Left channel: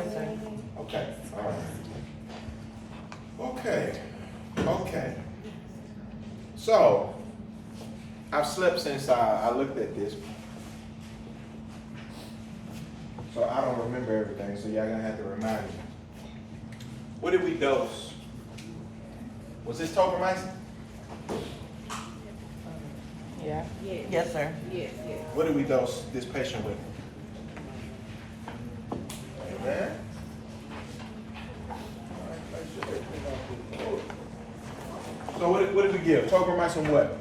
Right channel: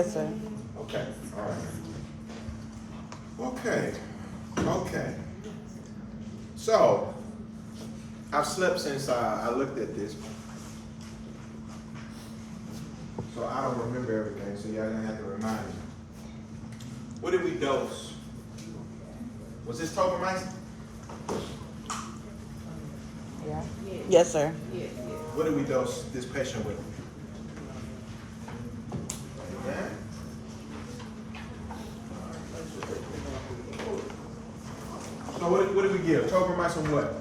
Yes, sir. Okay, all right. Okay, okay. So, I've slept since I looked at this. So I don't remember everything, so y'all gonna have to remind me. What did we dose? Was this tobramycin? Yeah. Yes. Yes, sir. Yes, yes. What did we dose this patient with? Amen. So what did we give? Tobramycin what?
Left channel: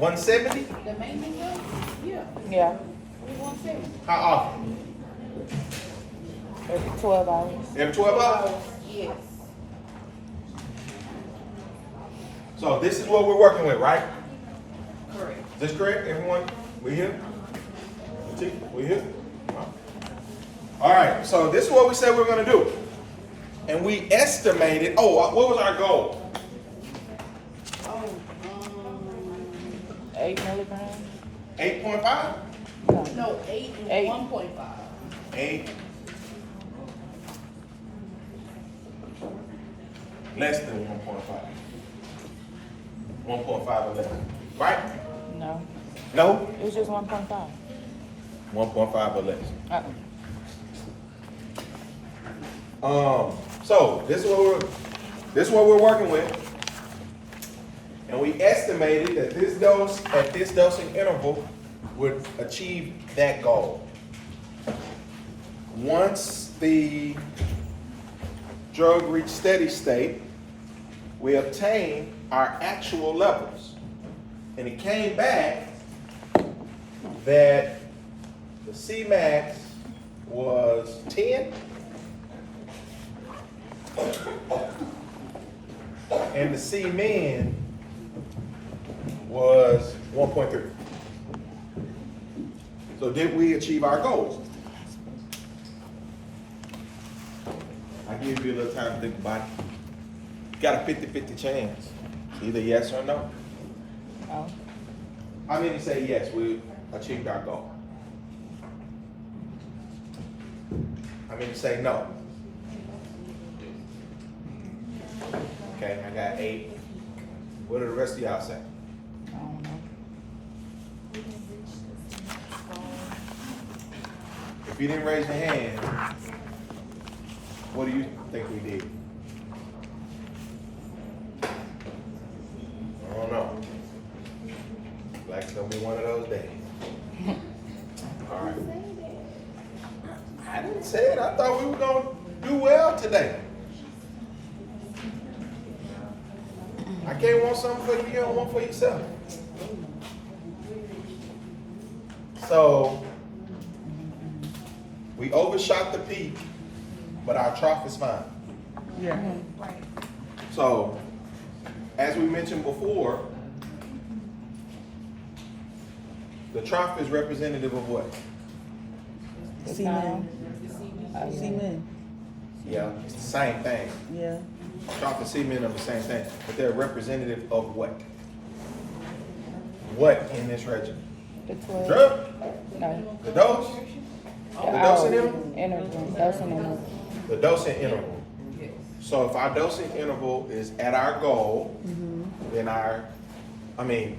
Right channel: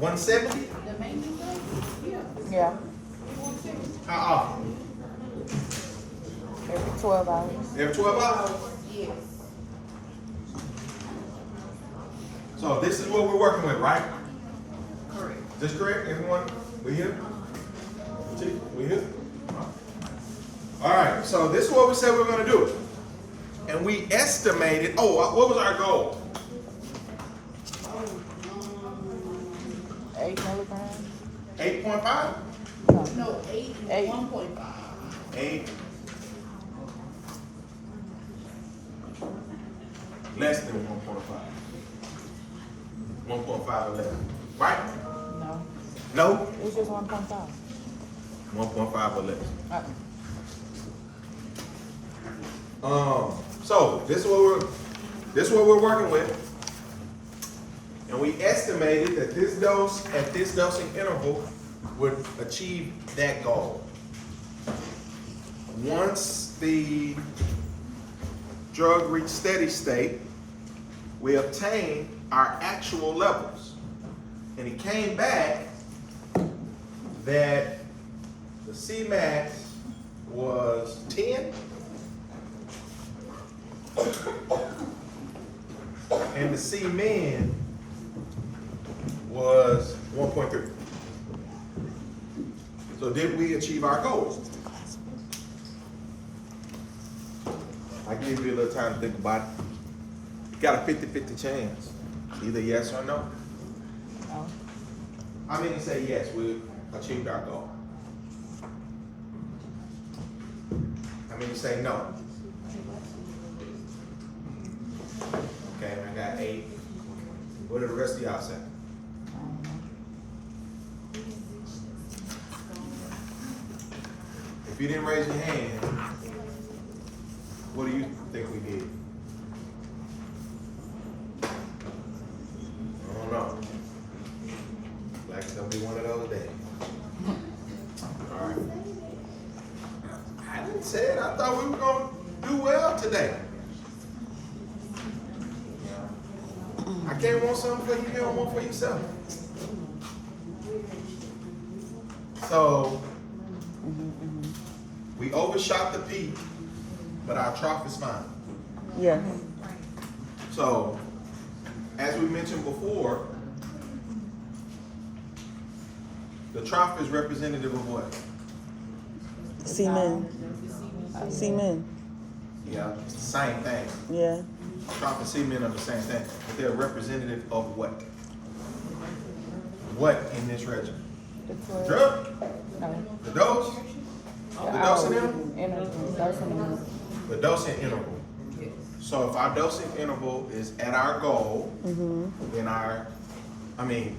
$170? The maintenance dose? Yeah. Yeah. 170. How often? Every 12 hours. Every 12 hours? Yes. So this is what we're working with, right? Correct. Is this correct, everyone? We here? We here? All right, so this is what we said we were gonna do. And we estimated, what was our goal? 8 milligrams. 8.5? No, 8 and Eight. 1.5. 8. Less than 1.5. 1.5 or less. Right? No. No? It was just 1.5. 1.5 or less. So this is what we're working with. And we estimated that this dose at this dosing interval would achieve that goal. Once the drug reached steady state, we obtained our actual levels. And it came back that the Cmax was 10 and the Cmin was 1.3. So did we achieve our goals? I give you a little time to think about it. You got a 50-50 chance. Either yes or no. No. How many say yes, we achieved our goal? How many say no? Okay, I got 8. What do the rest of y'all say? If you didn't raise your hand, what do you think we did? I don't know. Like it's gonna be one of those days. All right. I didn't say it. I thought we were gonna do well today. I can't want something for you, you don't want for yourself. So we overshot the peak, but our trough is fine. Yeah. So, as we mentioned before, the trough is representative of what? Semen. Semen. Yeah, it's the same thing. Yeah. Trough and semen are the same thing, but they're representative of what? What in this regimen? The The 12. drug? No. The dose? The dosing interval? Interval. Dosing interval. The dosing interval. So if our dosing interval is at our goal, then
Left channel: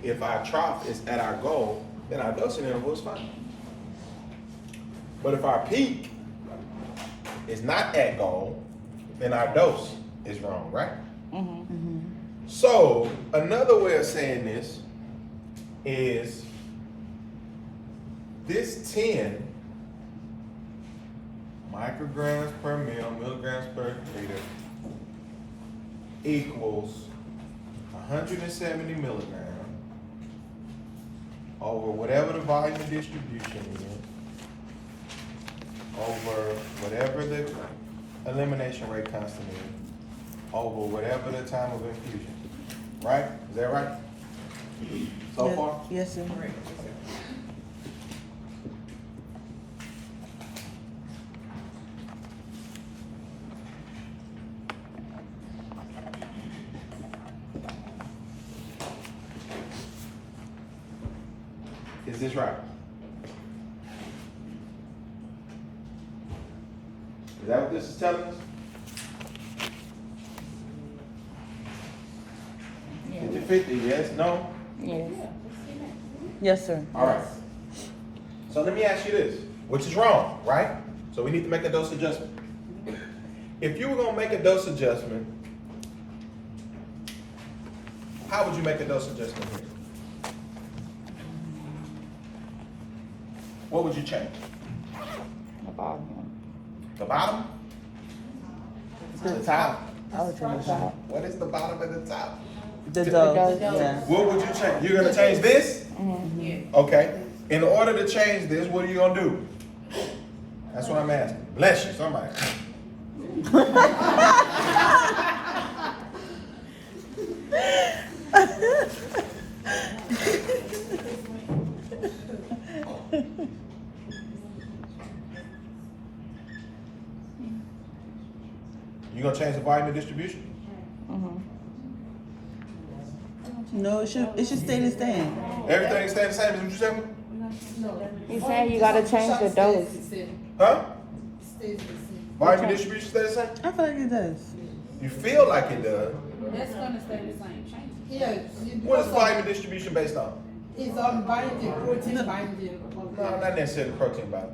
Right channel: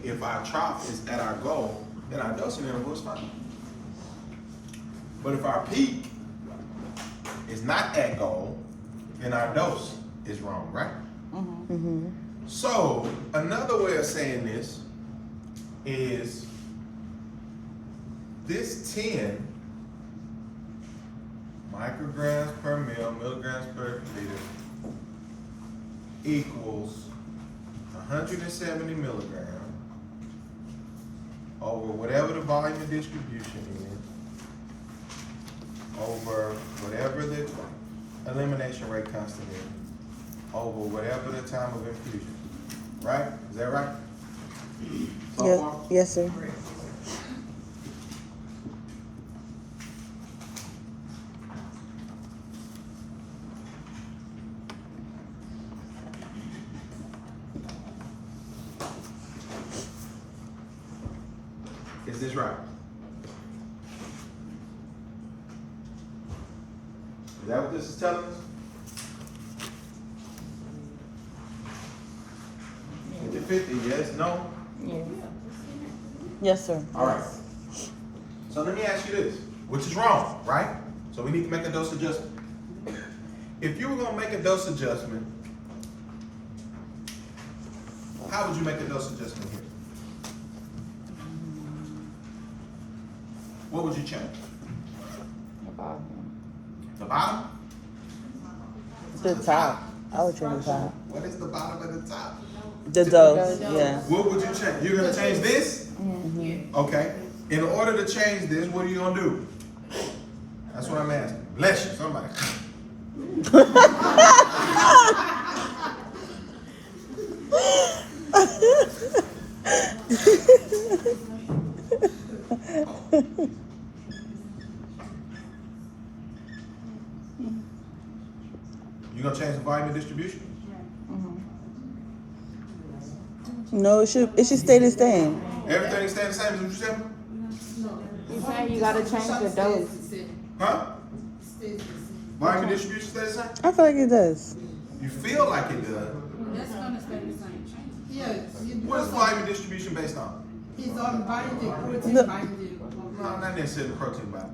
if our trough is at our goal, then our dosing interval is fine. But if our peak is not at goal, then our dose is wrong, right? So another way of saying this is this 10 micrograms per mil, milligrams per liter equals 170 milligrams over whatever the volume distribution is, over whatever the elimination rate constant is, over whatever the time of infusion. Right? Is that right? So Yes. far? Yes, sir. Is this right? Is that what this is telling us? 50-50, yes, no? Yes. Yes, sir. All right. So let me ask you this, which is wrong, right? So we need to make a dose adjustment. If you were gonna make a dose adjustment, how would you make a dose adjustment here? What would you change? The bottom? The top. I would change the top. What is the bottom of the top? The dose, yeah. What would you change? You're gonna change this? Okay. In order to change this, what are you gonna do? That's what I'm asking. Bless you, somebody. You gonna change the volume of distribution? No, it should stay the same. Everything stay the same, is what you said? You saying you gotta change the dose? Huh? Volume of distribution stay the same? I feel like it does. You feel like it does. That's gonna stay the same. Yeah. What is volume of distribution based on? It's on binding, protein No. binding. No, not necessarily protein body.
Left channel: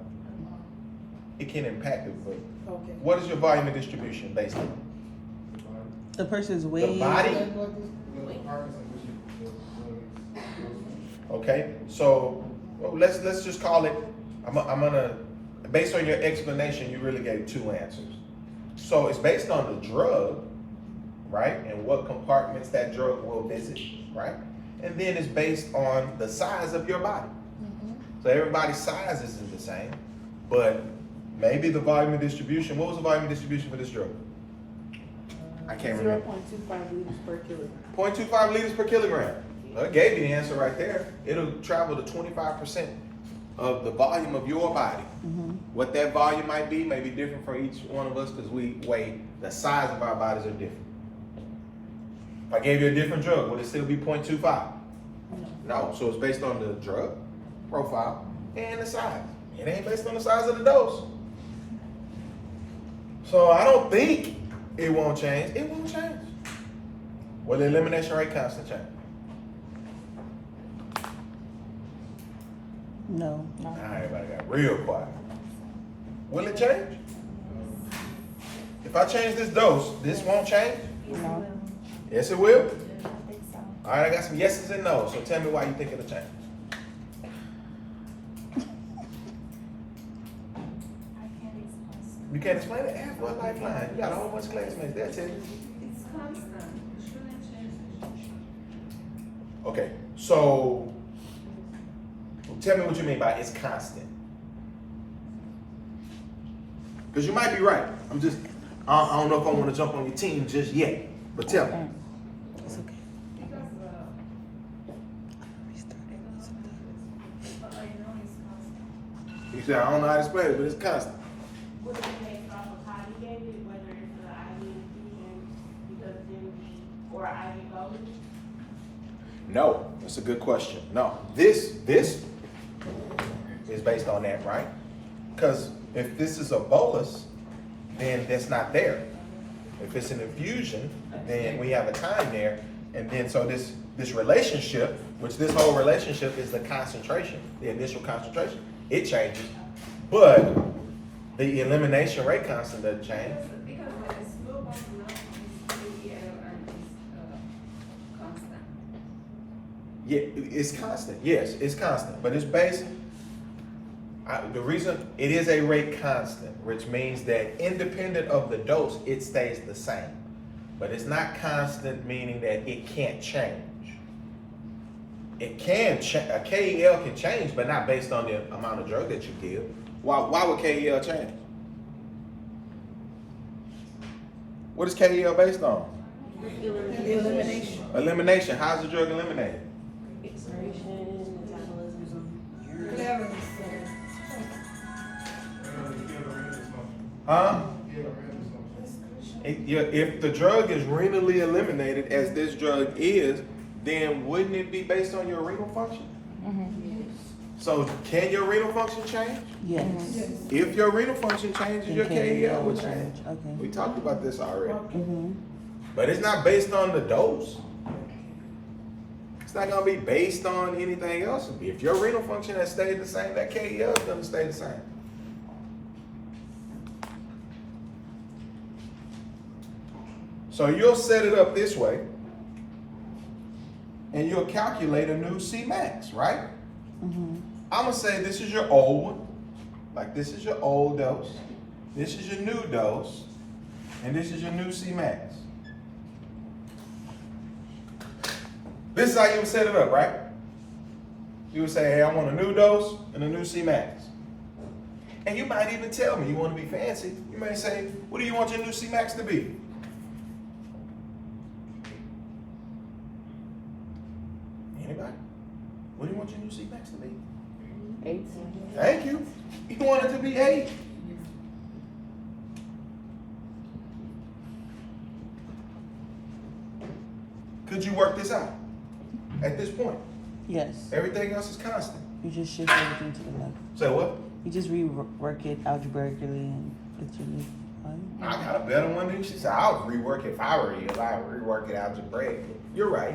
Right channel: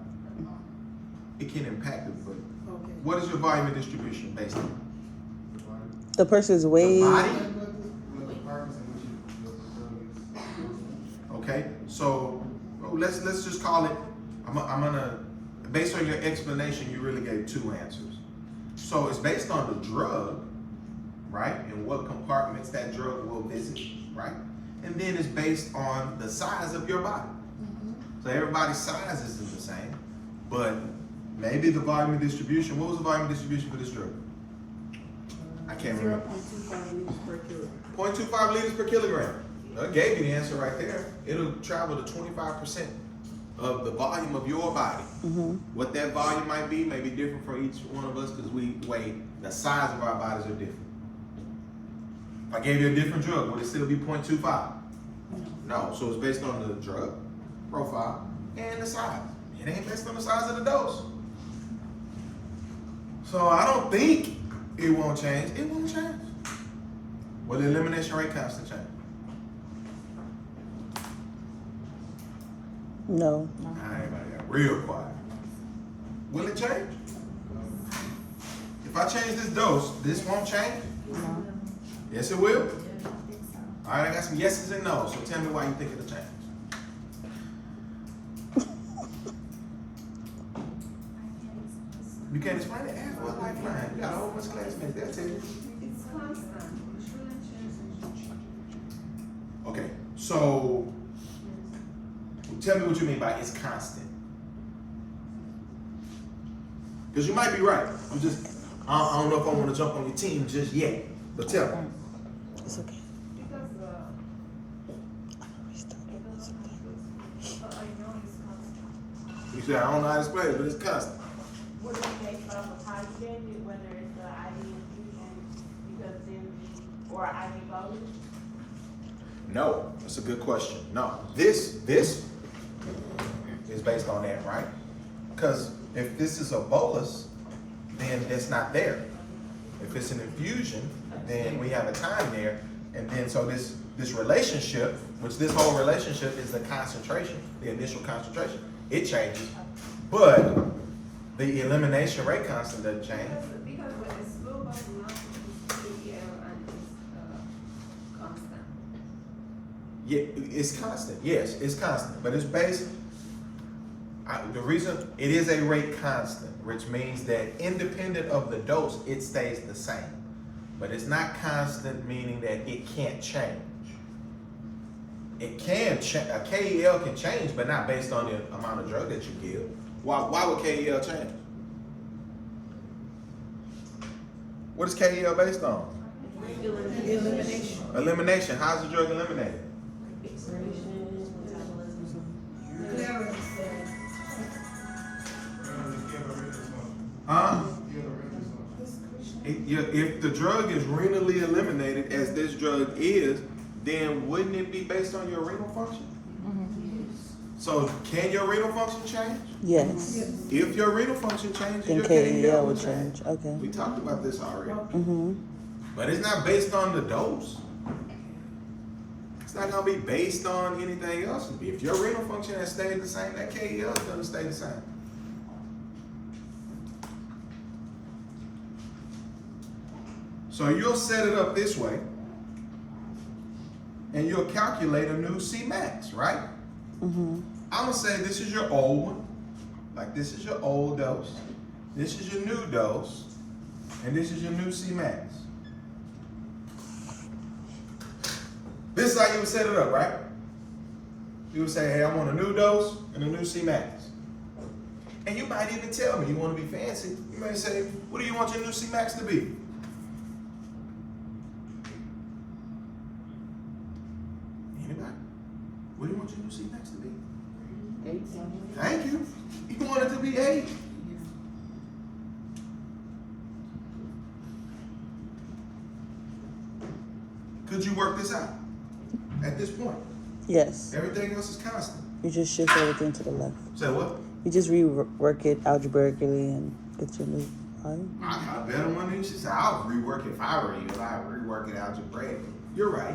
It can impact it, but Okay. what is your volume of distribution based on? The person's The weight. body? Okay, so let's just call it. I'm gonna based on your explanation, you really gave two answers. So it's based on the drug, right, and what compartments that drug will visit, right, and then it's based on the size of your body. So everybody's size isn't the same, but maybe the volume of distribution. What was the volume of distribution for this drug? I can't remember. 0.25 liters per kilogram. 0.25 liters per kilogram. Well, it gave you the answer right there. It'll travel to 25% of the volume of your body. What that volume might be may be different for each one of us because we weigh, the size of our bodies are different. If I gave you a different drug, would it still be 0.25? No, so it's based on the drug profile and the size. It ain't based on the size of the dose. So I don't think it won't change. It won't change. Will the elimination rate constant change? No. Everybody got real quiet. Will it change? If I change this dose, this won't change? No. Yes, it will? All right, I got some yeses and nos, so tell me why you think it'll change. You can't explain it? Ask for a lifeline. You got a whole bunch of classmates. They'll tell you. Okay, so tell me what you mean by it's constant. Because you might be right. I don't know if I want to jump on your team just yet, but tell me. It's okay. You said, I don't know how to explain it, but it's constant. Would it be based off of how you gave it, whether it's the IV infusion, because then, or IV bolus? No, that's a good question. No, this is based on that, right? Because if this is a bolus, then that's not there. If it's an infusion, then we have a time there, and then so this relationship, which this whole relationship is the concentration, the initial concentration, it changes, but the elimination rate constant doesn't change. Because when it's full, constant. Yeah, it's constant. Yes, it's constant, but it's based. The reason it is a rate constant, which means that independent of the dose, it stays the same. But it's not constant, meaning that it can't change. It can change. A KEL can change, but not based on the amount of drug that you give. Why would KEL change? What is KEL based on? Elimination. Elimination. How's the drug eliminated? Clearance. Huh? If the drug is renally eliminated, as this drug is, then wouldn't it be based on your renal function? So can your renal function change? Yes. If your renal function changes, Then your KEL KEL will will change. change. Okay. We talked about this already. Mm-hmm. But it's not based on the dose. It's not gonna be based on anything else. If your renal function has stayed the same, that KEL is gonna stay the same. So you'll set it up this way, and you'll calculate a new Cmax, right? Mm-hmm. I'm gonna say this is your old one, like this is your old dose, this is your new dose, and this is your new Cmax. This is how you would set it up, right? You would say, hey, I want a new dose and a new Cmax. And you might even tell me, you want to be fancy, you may say, what do you want your new Cmax to be? Anybody? What do you want your new Cmax to be? 8. Thank you. You want it to be 8. Could you work this out at this point? Yes. Everything else is constant. You just shift everything to the left. Say what? You just rework it algebraically and get your new value. I got a better one than she said. I would rework it if I were you. I would rework it algebraically. You're right.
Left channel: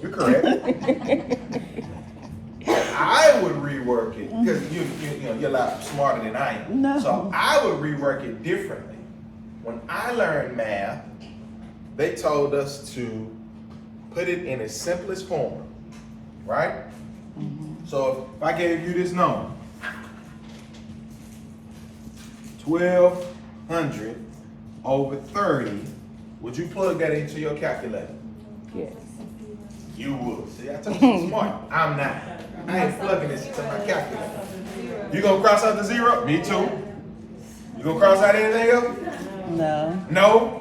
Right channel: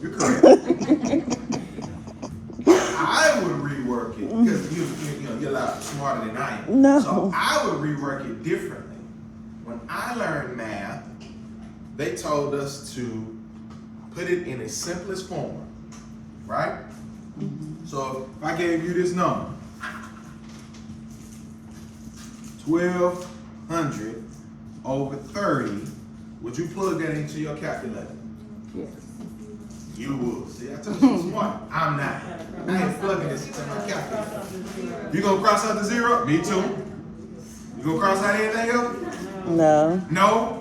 You're correct. I would rework it because you're a lot smarter than I am. No. So I would rework it differently. When I learned math, they told us to put it in its simplest form, right? Mm-hmm. So if I gave you this number, 1,200 over 30, would you plug that into your calculator? Yes. You would. See, I told you I'm smart. I'm not. I ain't plugging this into my calculator. You gonna cross out the 0? Me too. You gonna cross out anything else? No. No.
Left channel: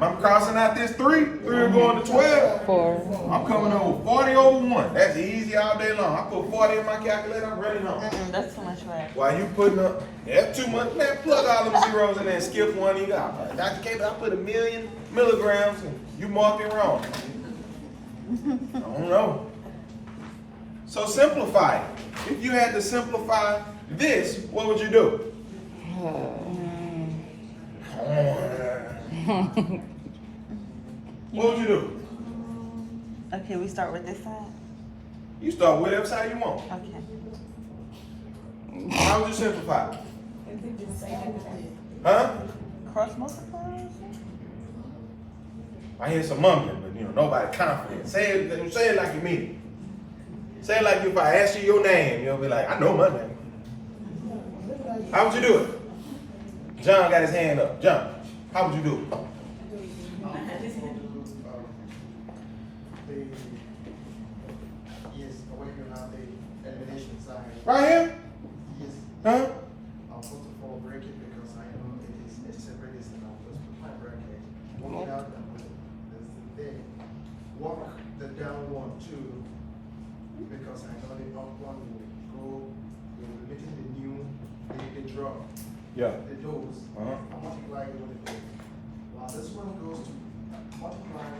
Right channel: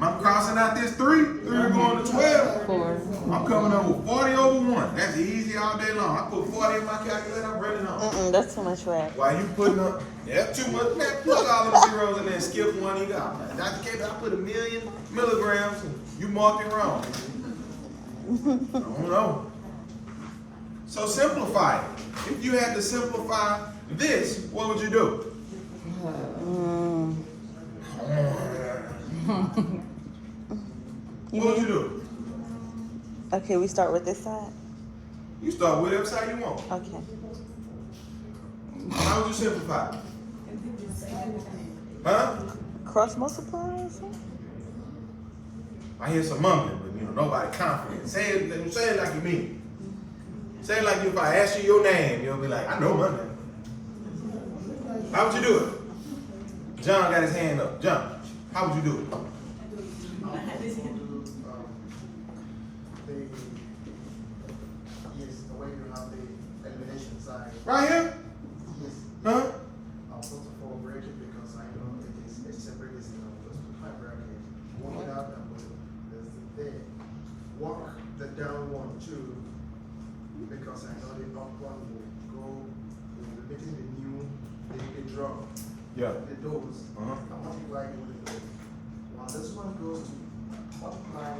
I'm crossing out this 3. 3 are going to 12. 4. I'm coming up with 40 over 1. That's easy all day long. I put 40 in my calculator, I'm running home. That's too much math. While you putting up, that's too much, man, plug all them zeros in there and skip one you got. Dr. K, I put 1,000,000 milligrams and you marked it wrong. I don't know. So simplify it. If you had to simplify this, what would you do? What would you do? Okay, we start with this side. You start whatever side you want. Okay. How would you simplify it? Huh? Cross multiply or something? I hear some mumbling, but nobody confident. Say it like you mean it. Say it like if I ask you your name, you'll be like, I know my name. How would you do it? John got his hand up. John, how would you do it? Yes, the way you have the elimination side. Right here? Yes, Huh? I'll put it for bracket because I know it is a separate list and I'll put my bracket. Work it out and put it. There's the there. Work the down one too, because I know the up one will go, will be making the new, the drop. Yeah. The dose. Uh-huh. And multiply it with it. While this one goes to multiply,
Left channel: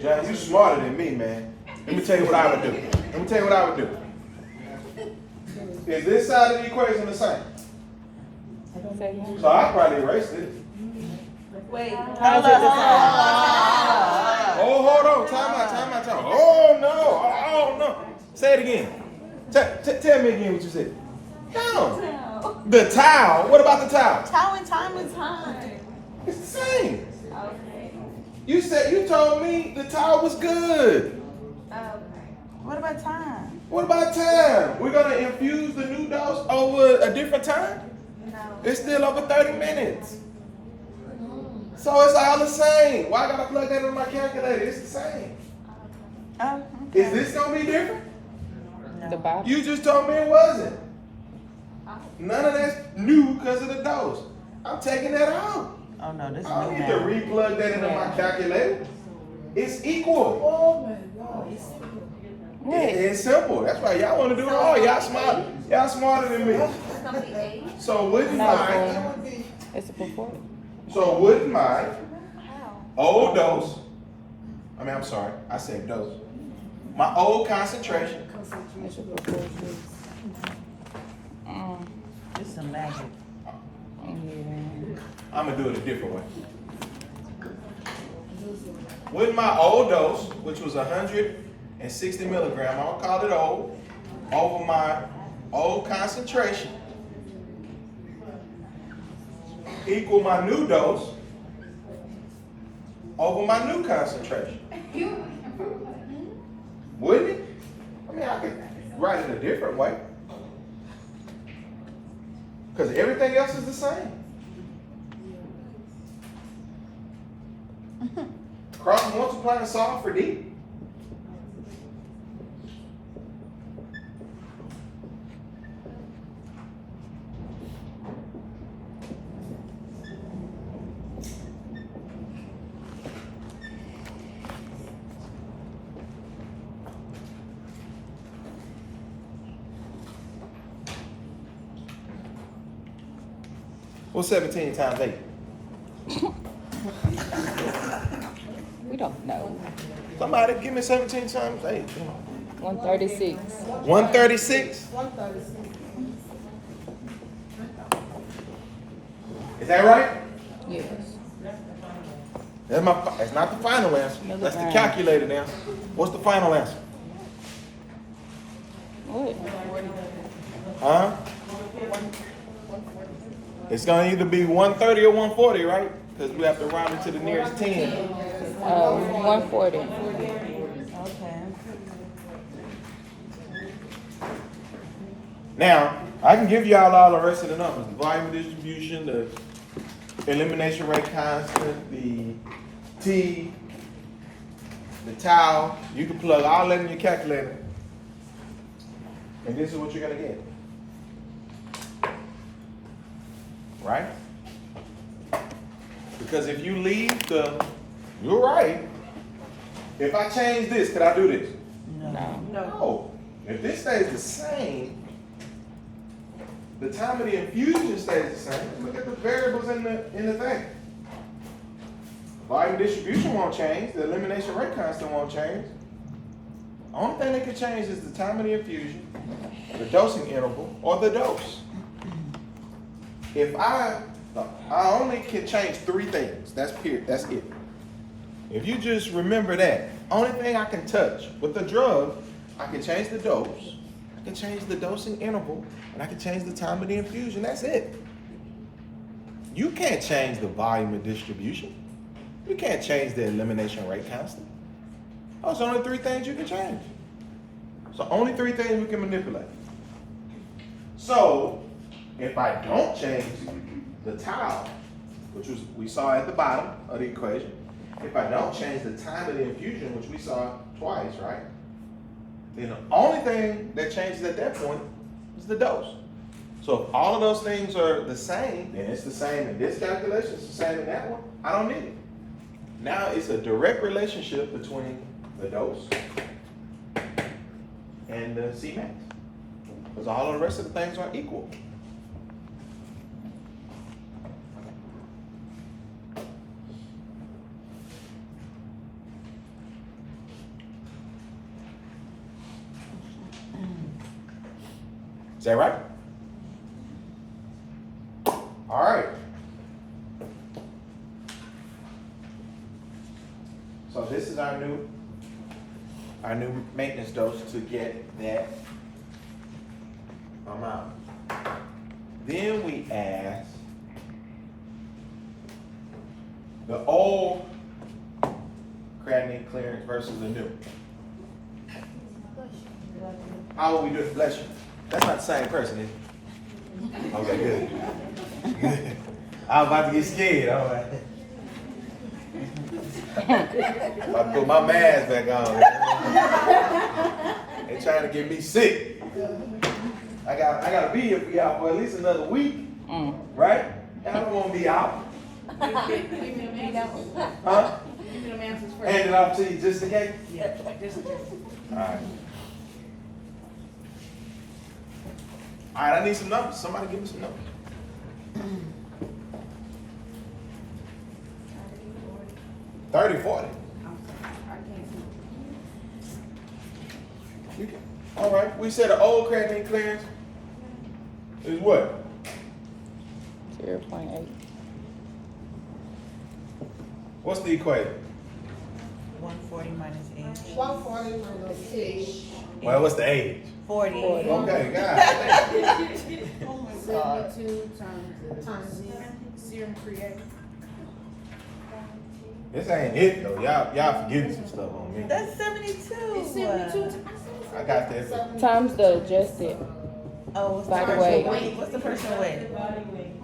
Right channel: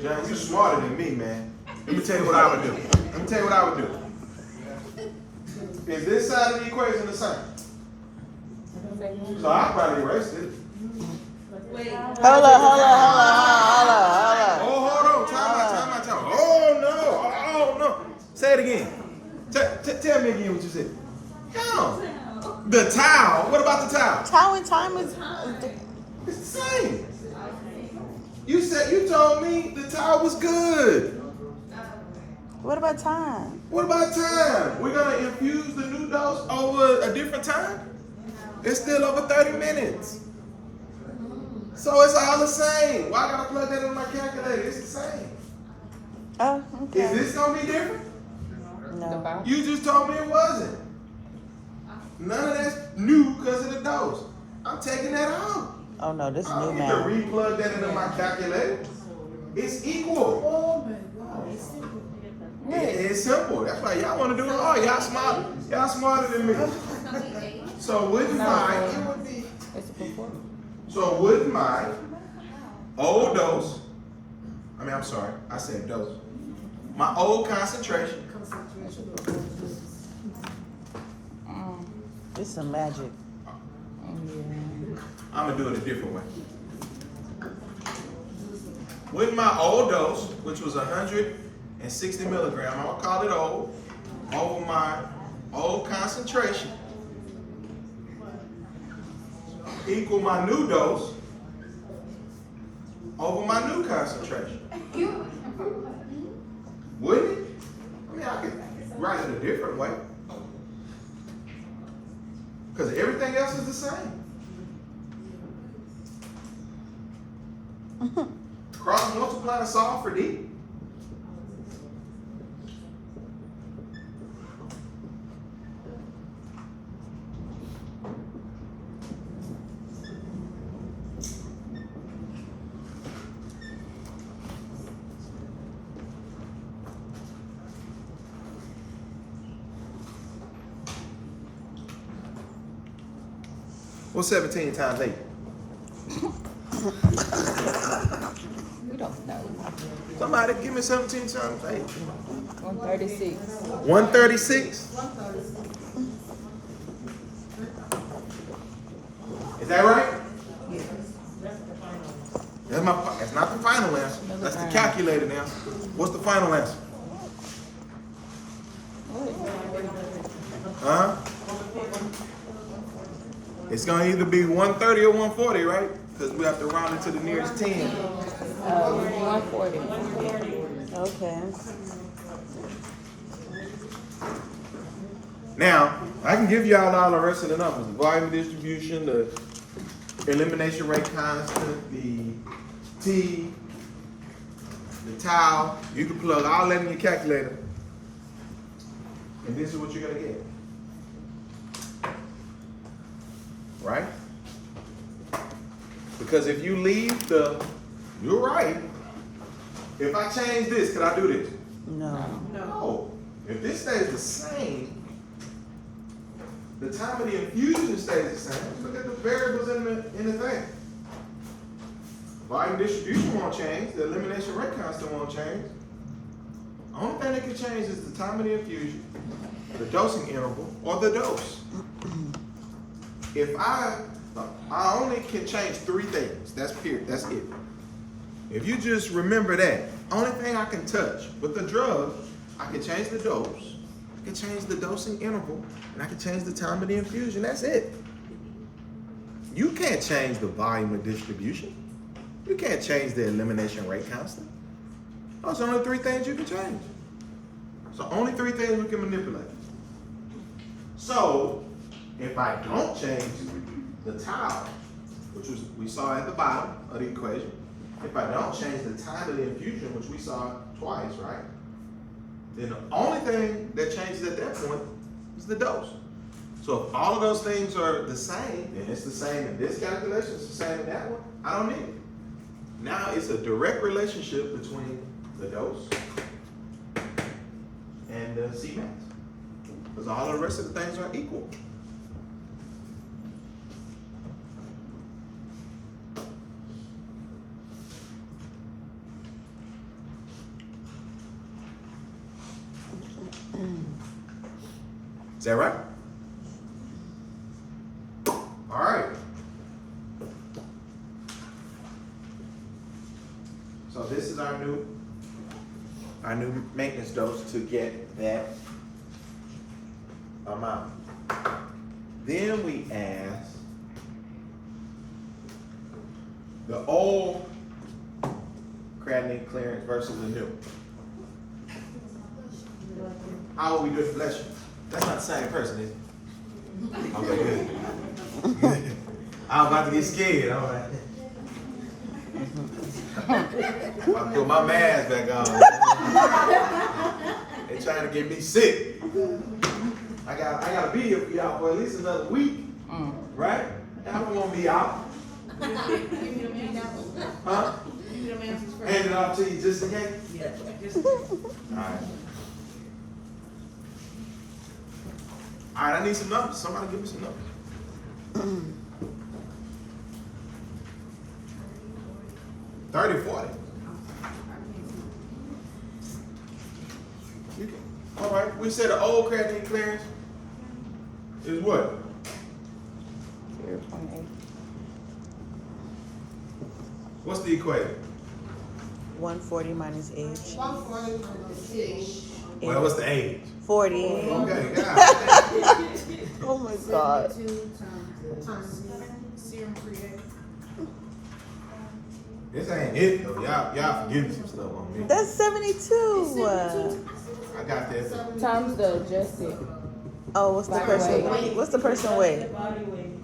John, you smarter than me, man. Let me tell you what I would do. Let me tell you what I would do. Is this side of the equation the same? So I probably erase this. Wait. Hold on. Oh, hold on. Time out. Oh, no. Say it again. Tell me again what you said. No. The towel. What about the towel? Time and time is time. It's the same. You told me the towel was good. What about time? What about time? We're gonna infuse the new dose over a different time? It's still over 30 minutes. So it's all the same. Why I gotta plug that in my calculator? It's the same. Oh, okay. Is this gonna be different? The bottom. You just told me it wasn't. None of that's new because of the dose. I'm taking that out. Oh no, this I new don't get to math. re-plug that into my calculator. It's equal. Oh my God. It's simple. That's why y'all want to do it all. Y'all smart. Y'all smarter than me. So wouldn't my It's a performance. wouldn't my old dose? I'm sorry. I said dose. My old concentration concentration. It's some magic. I'm gonna do it a different way. With my old dose, which was 160 milligrams, I'm gonna call it old, over my old concentration, equal my new dose over my new concentration. Wouldn't it? I mean, I could write it a different way. Because everything else is the same. Cross and multiply and solve for D. What's 17 times 8? We don't know. Somebody give me 17 times 8. 136. 136? Is that right? Yes. That's not the final answer. That's the calculated answer. What's the final answer? What? Huh? It's gonna either be 130 or 140, right? Because we have to round it to the nearest 10. 140. Okay. Now, I can give y'all all the rest of the numbers. The volume distribution, the elimination rate constant, the T, the tau. You can plug all that in your calculator. And this is what you're gonna get. Right? Because if you leave you're right. If I change this, could I do this? No. No. If this stays the same, the time of the infusion stays the same. Look at the variables in the thing. Volume distribution won't change. The elimination rate constant won't change. The only thing that can change is the time of the infusion, the dosing interval, or the dose. If I only can change 3 things. That's it. If you just remember that, only thing I can touch with the drug, I can change the dose, I can change the dosing interval, and I can change the time of the infusion. That's it. You can't change the volume of distribution. You can't change the elimination rate constant. Those are only 3 things you can change. So only 3 things we can manipulate. So if I don't change the tau, which we saw at the bottom of the equation, if I don't change the time of the infusion, which we saw twice, right? Then the only thing that changes at that point is the dose. So if all of those things are the same, then it's the same in this calculation, it's the same in that one, I don't need it. Now it's a direct relationship between the dose and the Cmax. Because all of the rest of the things are equal. Is that right? All right. So this is our new maintenance dose to get that amount. Then we ask the old creatinine clearance versus the new. How would we do it? Bless you. That's not the same person, is it? Okay, good. Good. I was about to get scared. I was like, about to put my mask back on. They trying to get me sick. I gotta be here for y'all for at least another week, right? And I don't want to be out. Huh? Hand it off to you just in case. Yeah, just in case. All right. All right, I need some numbers. Somebody give me some numbers. 30, 40. You can. All right. we said the old creatinine clearance is what? 0.8. What's the equation? 140 minus age. 140 minus age. Well, what's the age? 40. Okay, God. Oh my God. 72 times serum creatinine. This ain't it though. Y'all forgetting some stuff on me. That's 72. I got that. Times the adjusted. Oh, what's the By person weight. weight? What's the person weight? Body weight.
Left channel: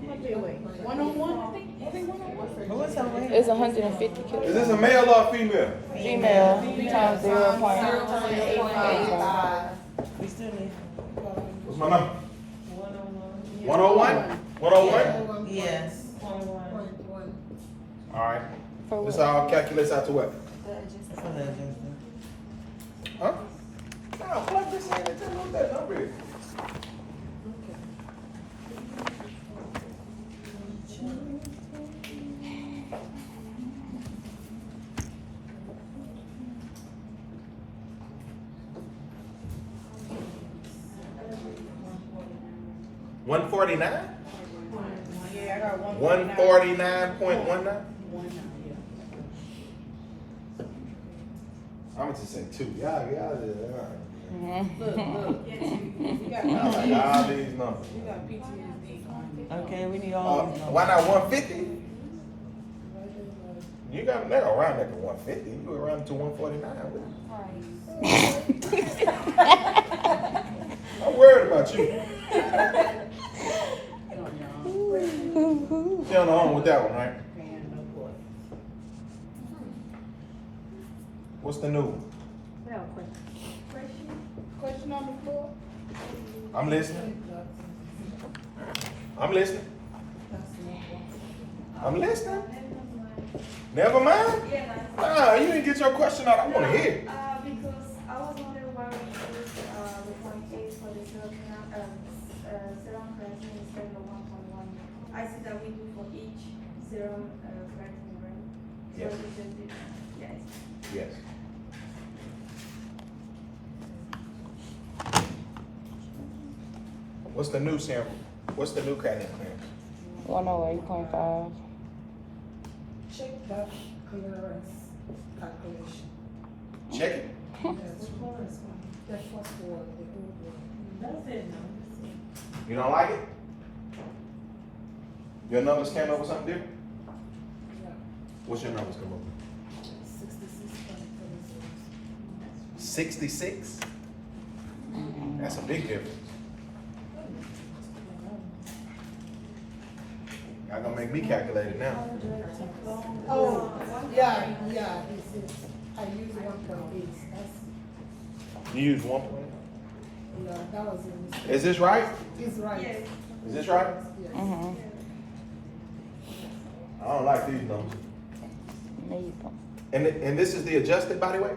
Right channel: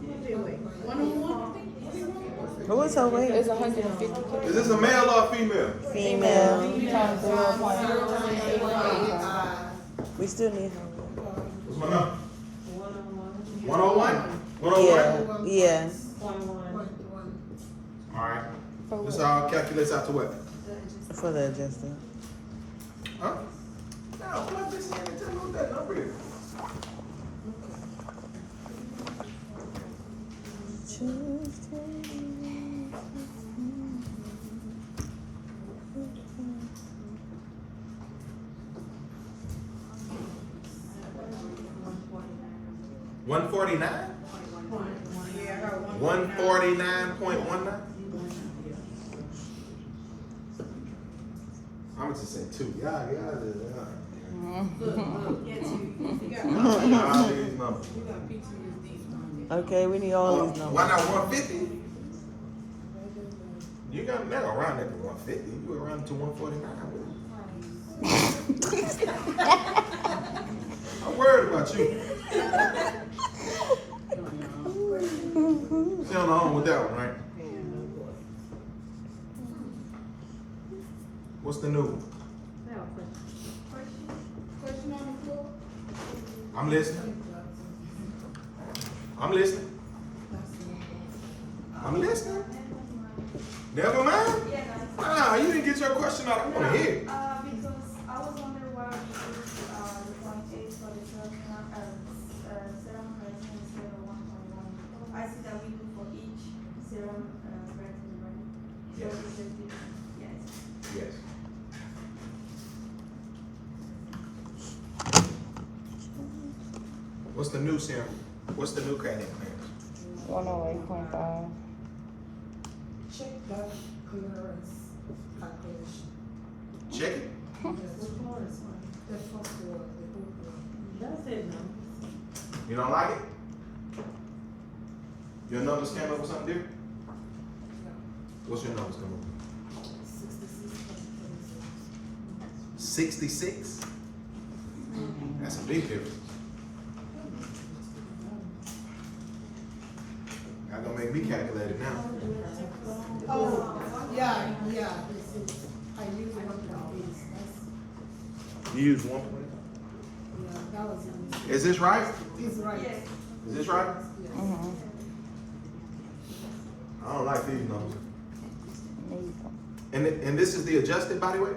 101? What's her weight? It's 150 Is kilograms. this a male or a female? Female. Times 0.8. We still need. What's my number? 101? 101? Yeah. 21. All right. For This what? all calculates out to what? For the adjustment. Huh? Nah, plug this in and tell me what that number is. $149? Yeah, I got 149.19? I'm gonna just say 2. Y'all. Look, you got All these numbers. PTSD. Okay, we need all Oh, these numbers. why not 150? You got never around that to 150. You around to 149. I'm worried about you. Stay on the home with that one, right? What's the new one? Question on the floor? I'm listening. I'm listening. I'm listening. Never mind? Nah, you didn't get your question out. I want to hear it. Because I was wondering why we use the 0.8 for the serum creatinine instead of 1.1. I see that we do for each serum creatinine, right? So Yes. it's a different, yes. Yes. What's the new sample? What's the new creatinine clearance? 108.5. Check that clearance calculation. Check it. That's for the group. That's it, no. You don't like it? Your numbers came up with something different? Yeah. What's your numbers come up with? 66.26. 66? That's a big difference. Y'all gonna make me calculate it now. Oh, yeah, this is, I use 1.8. You use 1 point? Yeah, that was it. Is this right? It's right. Yes. Is this right? Yes. Mm-hmm. I don't like these numbers. Neither. And this is the adjusted body weight?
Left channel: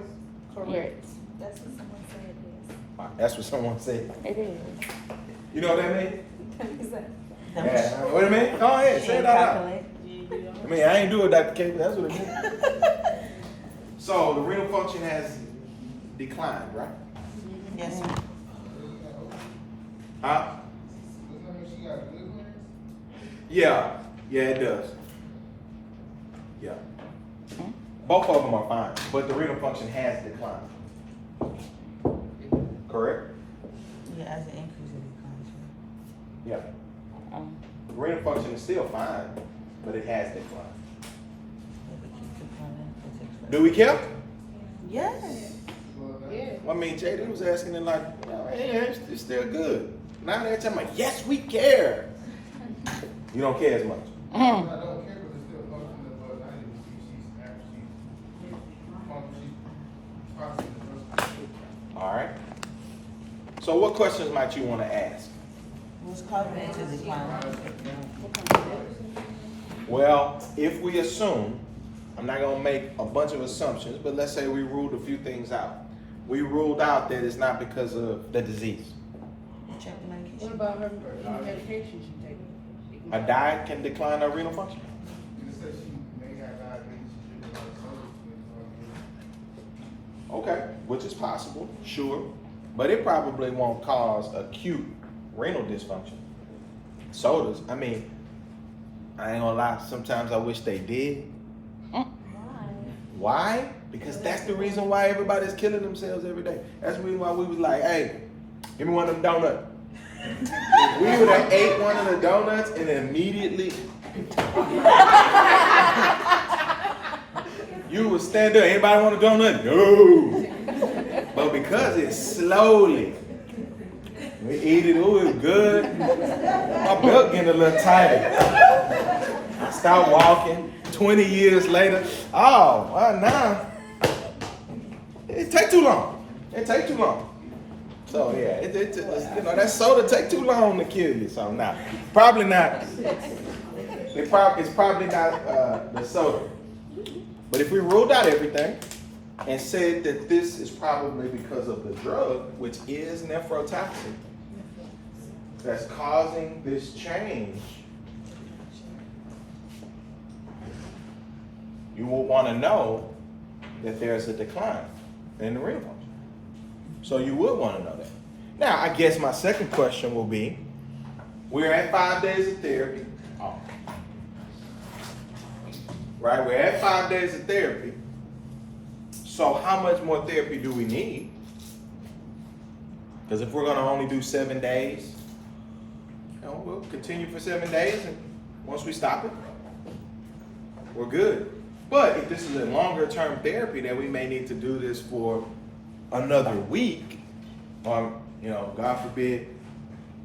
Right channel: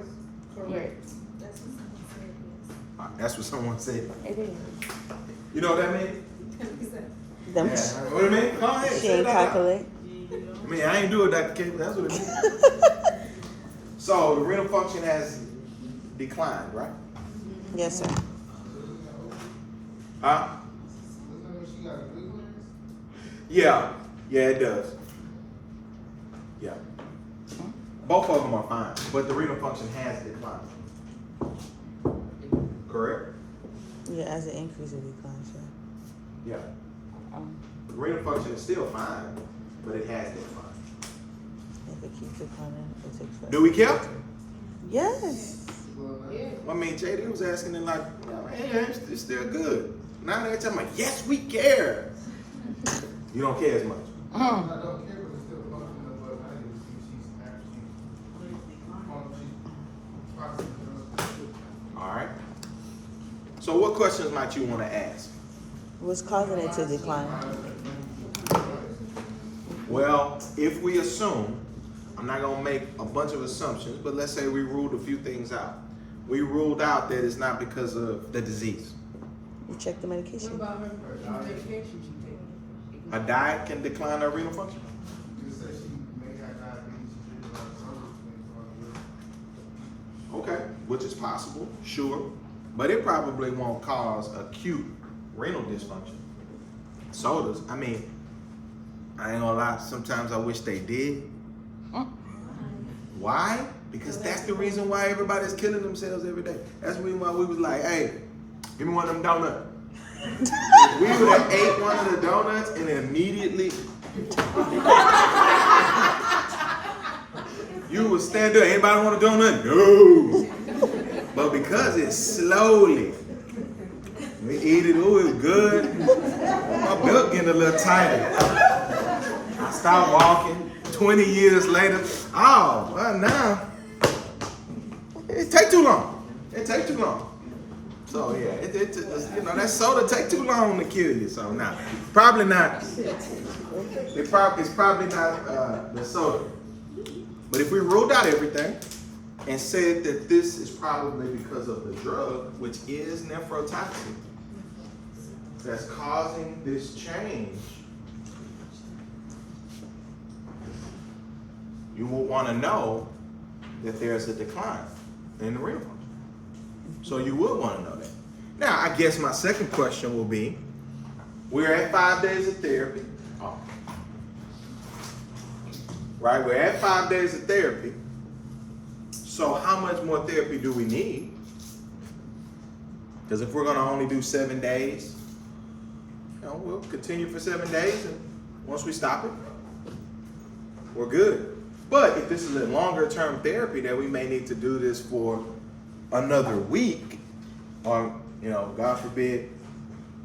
Correct. That's what someone said, yes. That's what someone said. It is. You know what that means? Them Yeah. What do you mean? Go ahead, she say it ain't out loud. calculate. I mean, I ain't do it, Dr. K, but that's what it means. So the renal function has declined, right? Yes, sir. Huh? Yeah, it does. Yeah. Both of them are fine, but the renal function has declined. Correct? Yeah, as it increases, it declines. Yeah. Yeah. The renal function is still fine, but it has declined. If it keeps declining, it takes forever. Do we care? Yes. I mean, JD was asking it like, well, yeah, it's still good. Now they're talking about, yes, we care. You don't care as much. I don't care, but it's still functioning above 90, which she's All right. So what questions might you want to ask? What's causing it to decline? Well, if we assume, I'm not going to make a bunch of assumptions, but let's say we ruled a few things out. We ruled out that it's not because of the disease. You check the What medication. about her medications you take? A diet can decline our renal function. You just said she may have diabetes, she did a lot of numbers. Okay, which is possible, sure. but it probably won't cause acute renal dysfunction. Sodas, I mean, I ain't gonna lie, sometimes I wish they did. Why? Because that's the reason why everybody's killing themselves every day. That's the reason why we was like, hey, give me one of them donuts. If we would have ate one of the donuts and immediately you would stand up, anybody want a donut? No. But because it's slowly, we eat it, ooh, it's good. My belt getting a little tighter. I start walking, 20 years later, oh, well now, it take too long. It take too long. So yeah, you know, that soda take too long to kill you. So nah, probably not. It's probably not the soda. But if we ruled out everything and said that this is probably because of the drug, which is nephrotoxic, that's causing this change, you will want to know that there's a decline in the renal function. So you would want to know that. Now, I guess my second question will be, we're at 5 days of therapy. Oh. Right, we're at 5 days of therapy. So how much more therapy do we need? Because if we're going to only do 7 days, you know, we'll continue for 7 days, and once we stop it, we're good. But if this is a longer term therapy, that we may need to do this for another week, or, you know, God forbid,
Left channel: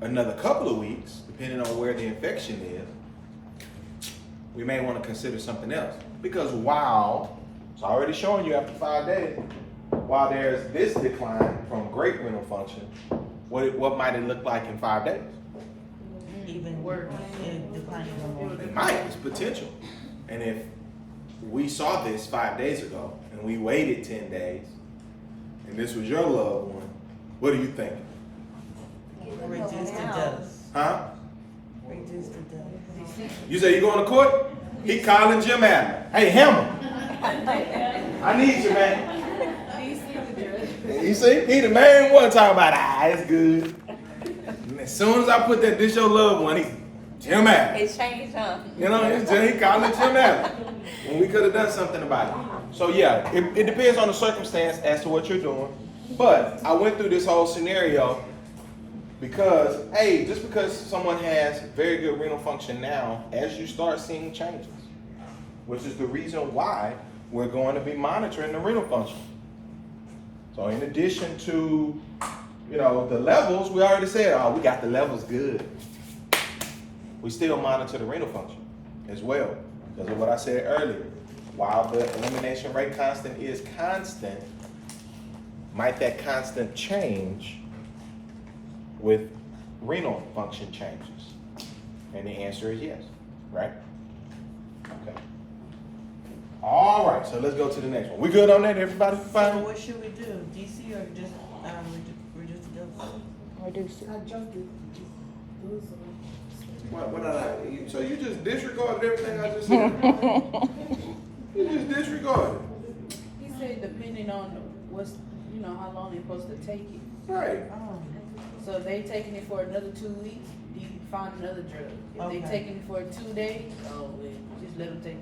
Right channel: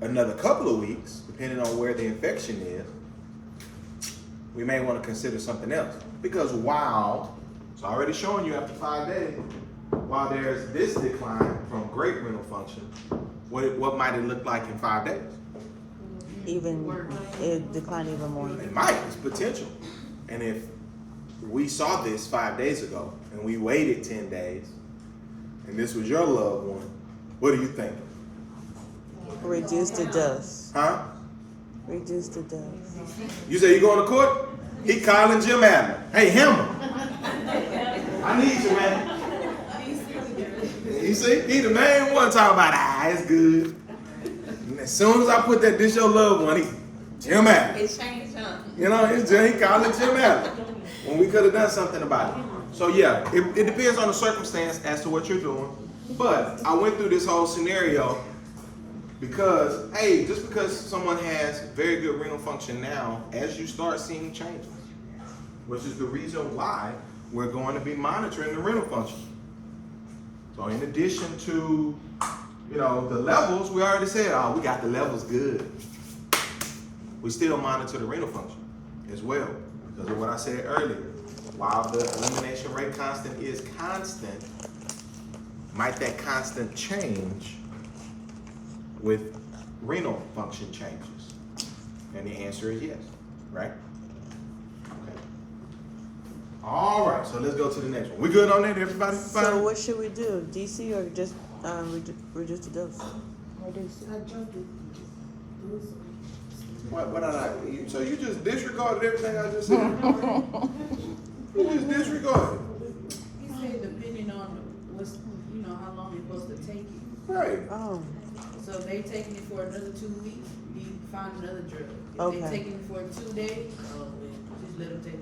another couple of weeks, depending on where the infection is, we may want to consider something else. Because while, it's already showing you after 5 days, while there's this decline from great renal function, what might it look like in 5 days? Even, it declined even more. It might, it's potential. And if we saw this 5 days ago, and we waited 10 days, and this was your loved one, what do you think? Reduce the dose. Huh? Reduce the dose. You say you going to court? He calling Jim Adler. Hey, Hammer. I need you, man. You see? He the main one talking about, it's good. And as soon as I put that, this your loved one, he, Jim Adler. It changed, huh? You know, he calling Jim Adler. When we could have done something about it. So yeah, it depends on the circumstance as to what you're doing. But I went through this whole scenario because, hey, just because someone has very good renal function now, as you start seeing changes, which is the reason why we're going to be monitoring the renal function. So in addition to, you know, the levels, we already said, oh, we got the levels good. We still monitor the renal function as well, because of what I said earlier. While the elimination rate constant is constant, might that constant change with renal function changes? And the answer is yes, right? Okay. All right, so let's go to the next one. We good on that, everybody? So Fine? what should we do? DC or just reduce the dose? Reduce it. I jumped it. Those What I like? So you just disregarded everything I just said? You just disregarded. He said depending on what's, you know, how long they're supposed to take it. Right. Oh, So if they taking it for another 2 weeks, you find another drug. If Okay. they taking it for 2 days, oh, well, just let them take it.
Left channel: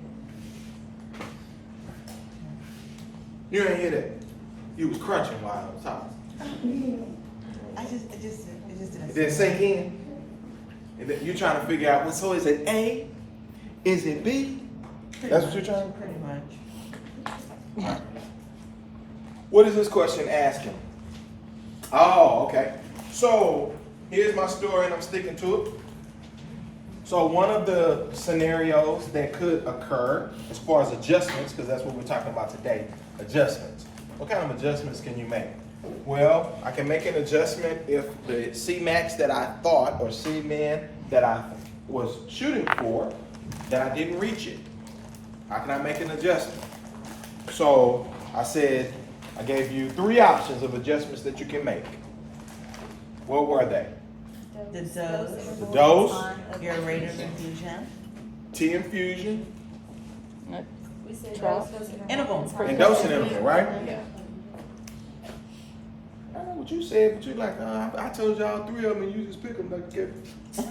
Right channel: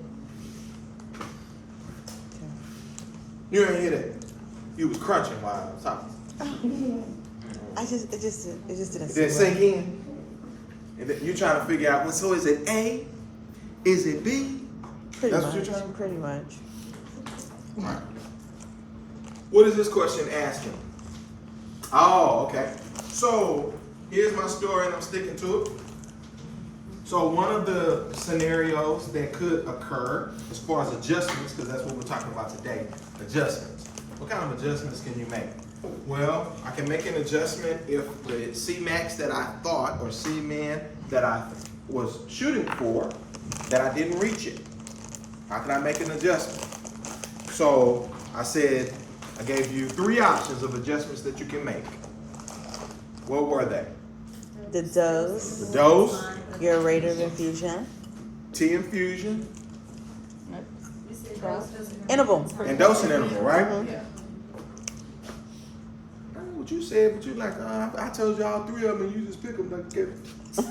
You ain't hear that. You was crunching while I was talking. it just didn't. It didn't sink in. And then you trying to figure out, so is it A? Is it B? Pretty That's much, what you're trying to. Pretty much. What is this question asking? Oh, okay. So here's my story, and I'm sticking to it. So one of the scenarios that could occur as far as adjustments, because that's what we're talking about today, adjustments. What kind of adjustments can you make? Well, I can make an adjustment if the Cmax that I thought, or Cmin that I was shooting for, that I didn't reach it. How can I make an adjustment? So I said, I gave you 3 options of adjustments that you can make. What were they? The dose, The dose, your rate of infusion, T infusion, interval. and dosing interval, right? Yeah. What what you said, but you like, I told y'all 3 of them and you just pick them like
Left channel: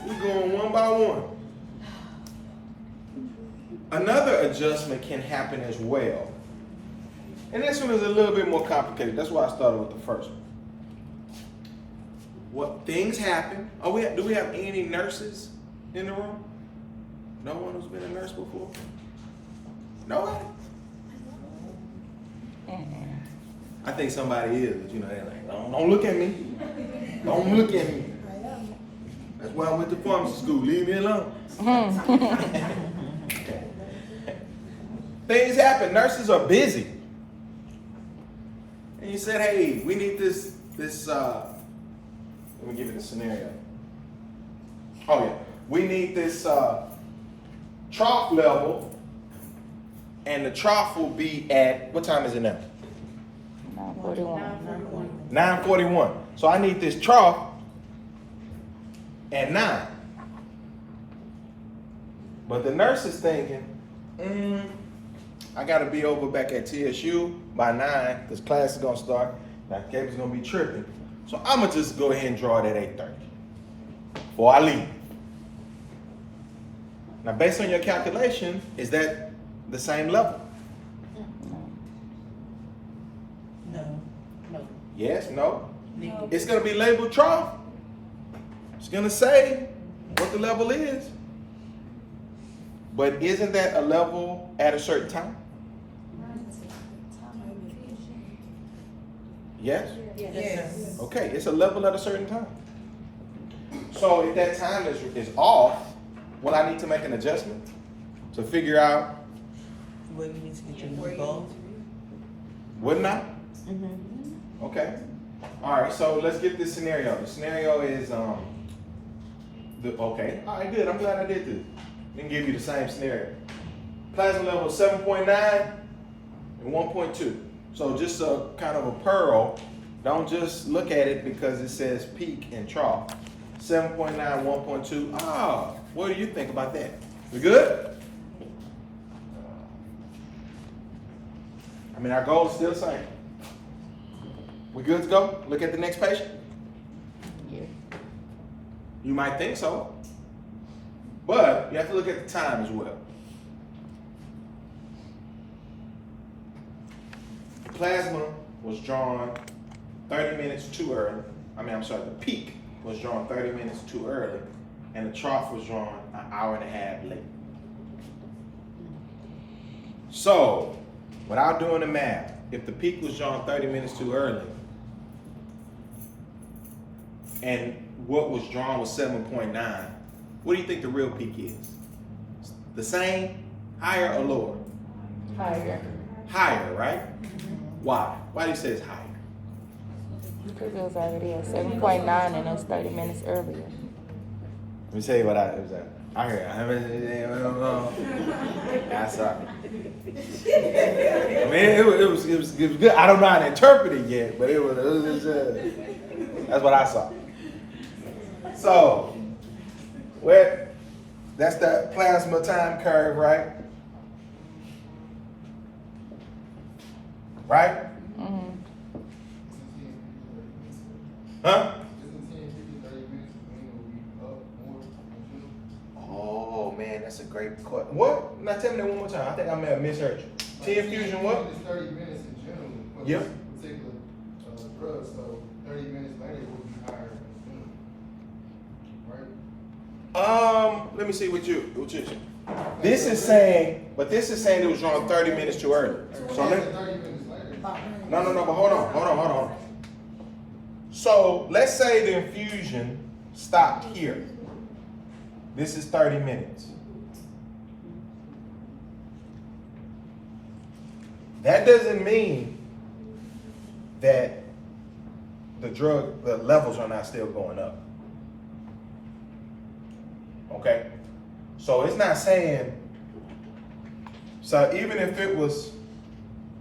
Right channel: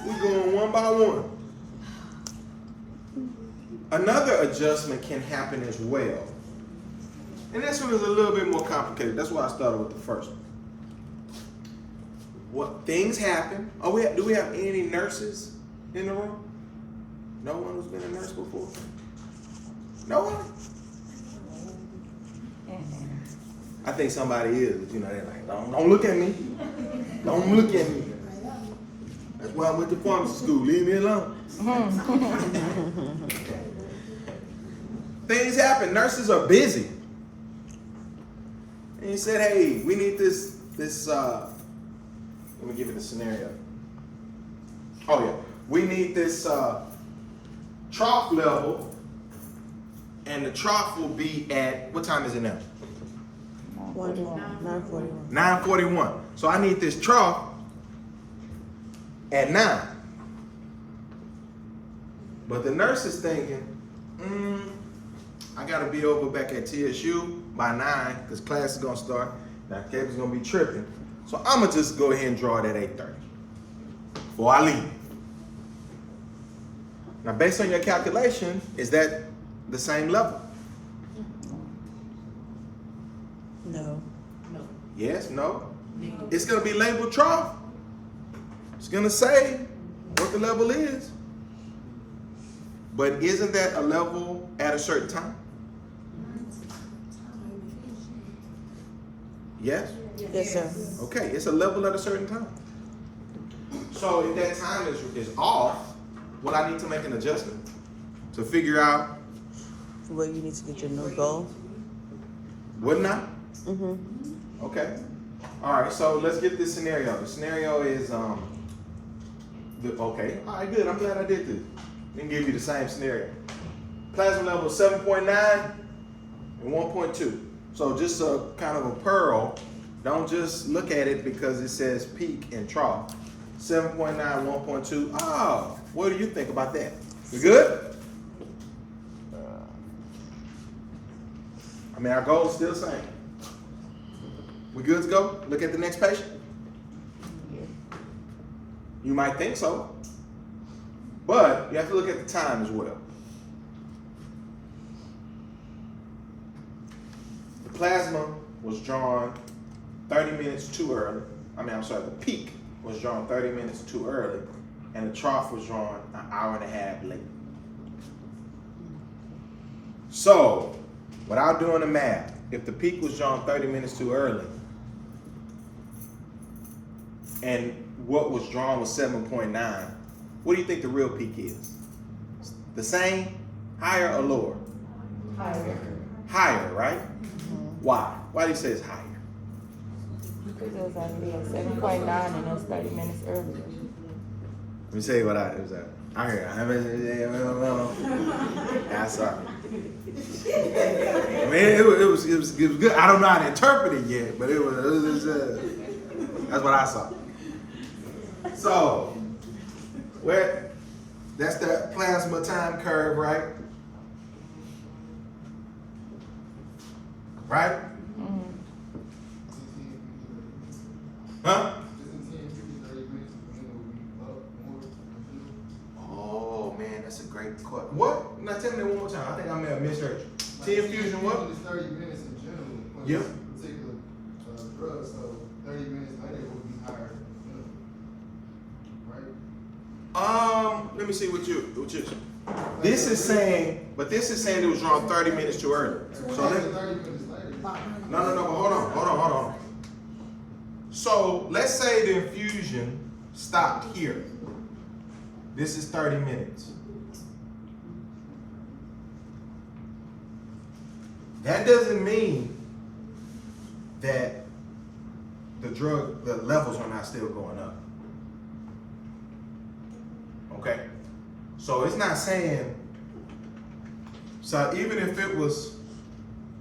we going one by one. Another adjustment can happen as well. And this one is a little bit more complicated. That's why I started with the first one. What things happen? Do we have any nurses in the room? No one who's been a nurse before? No one? I think somebody is, but they're like, don't look at me. Don't look at me. That's why I went to pharmacy school. Leave me alone. Things happen. Nurses are busy. And you said, hey, we need this, let me give you the scenario. Oh yeah. We need this trough level, and the trough will be at, what time is it now? 9:41. 9:41. So I need this trough at 9. But the nurse is thinking, I gotta be over back at TSU by 9 because class is gonna start. Now Gabe's gonna be tripping. So I'm gonna just go ahead and draw it at 8:30 before I leave. Now based on your calculation, is that the same level? No. Yes, no? It's gonna be labeled trough. It's gonna say what the level is. But isn't that a level at a certain time? Yes? Yes, sir. Okay, it's a level at a certain time. So if that time is off, will I need to make an adjustment to figure out? Well, you need to get your new goal. Wouldn't I? Mm-hmm. Okay. All right, so let's get this scenario. The scenario is, okay. All right, good. I'm glad I did this. Let me give you the same scenario. Plasma level 7.9 and 1.2. So just a kind of a pearl. Don't just look at it because it says peak and trough. 7.9, 1.2. Ah, what do you think about that? We good? I mean, our goal is still the same. We good to go? Look at the next patient? Yeah. You might think so, but you have to look at the time as well. The plasma was drawn 30 minutes too early. The peak was drawn 30 minutes too early, and the trough was drawn an hour and a half late. So, without doing the math, if the peak was drawn 30 minutes too early, and what was drawn was 7.9, what do you think the real peak is? The same, higher or lower? Higher. Higher, right? Why? Why do you say it's higher? Because it was already at 7.9 and it's 30 minutes earlier. Let me tell you what it was at. I heard. I'm sorry. I mean, it was good. I don't know how to interpret it yet, but it was that's what I saw. So, that's that plasma time curve, right? Right? Mm-hmm. Huh? Oh man, that's a great question. What? Now tell me that one more time. I think I may have misheard you. T-infusion what? It's 30 minutes in general. With Yep. this particular drug, so 30 minutes later will be higher. Right? Let me see what you. This is saying it was drawn 30 minutes too early. So let. 30 minutes later. No, but hold on. So let's say the infusion stopped here. This is 30 minutes. That doesn't mean that the levels are not still going up. Okay? So it's not saying, so even if it was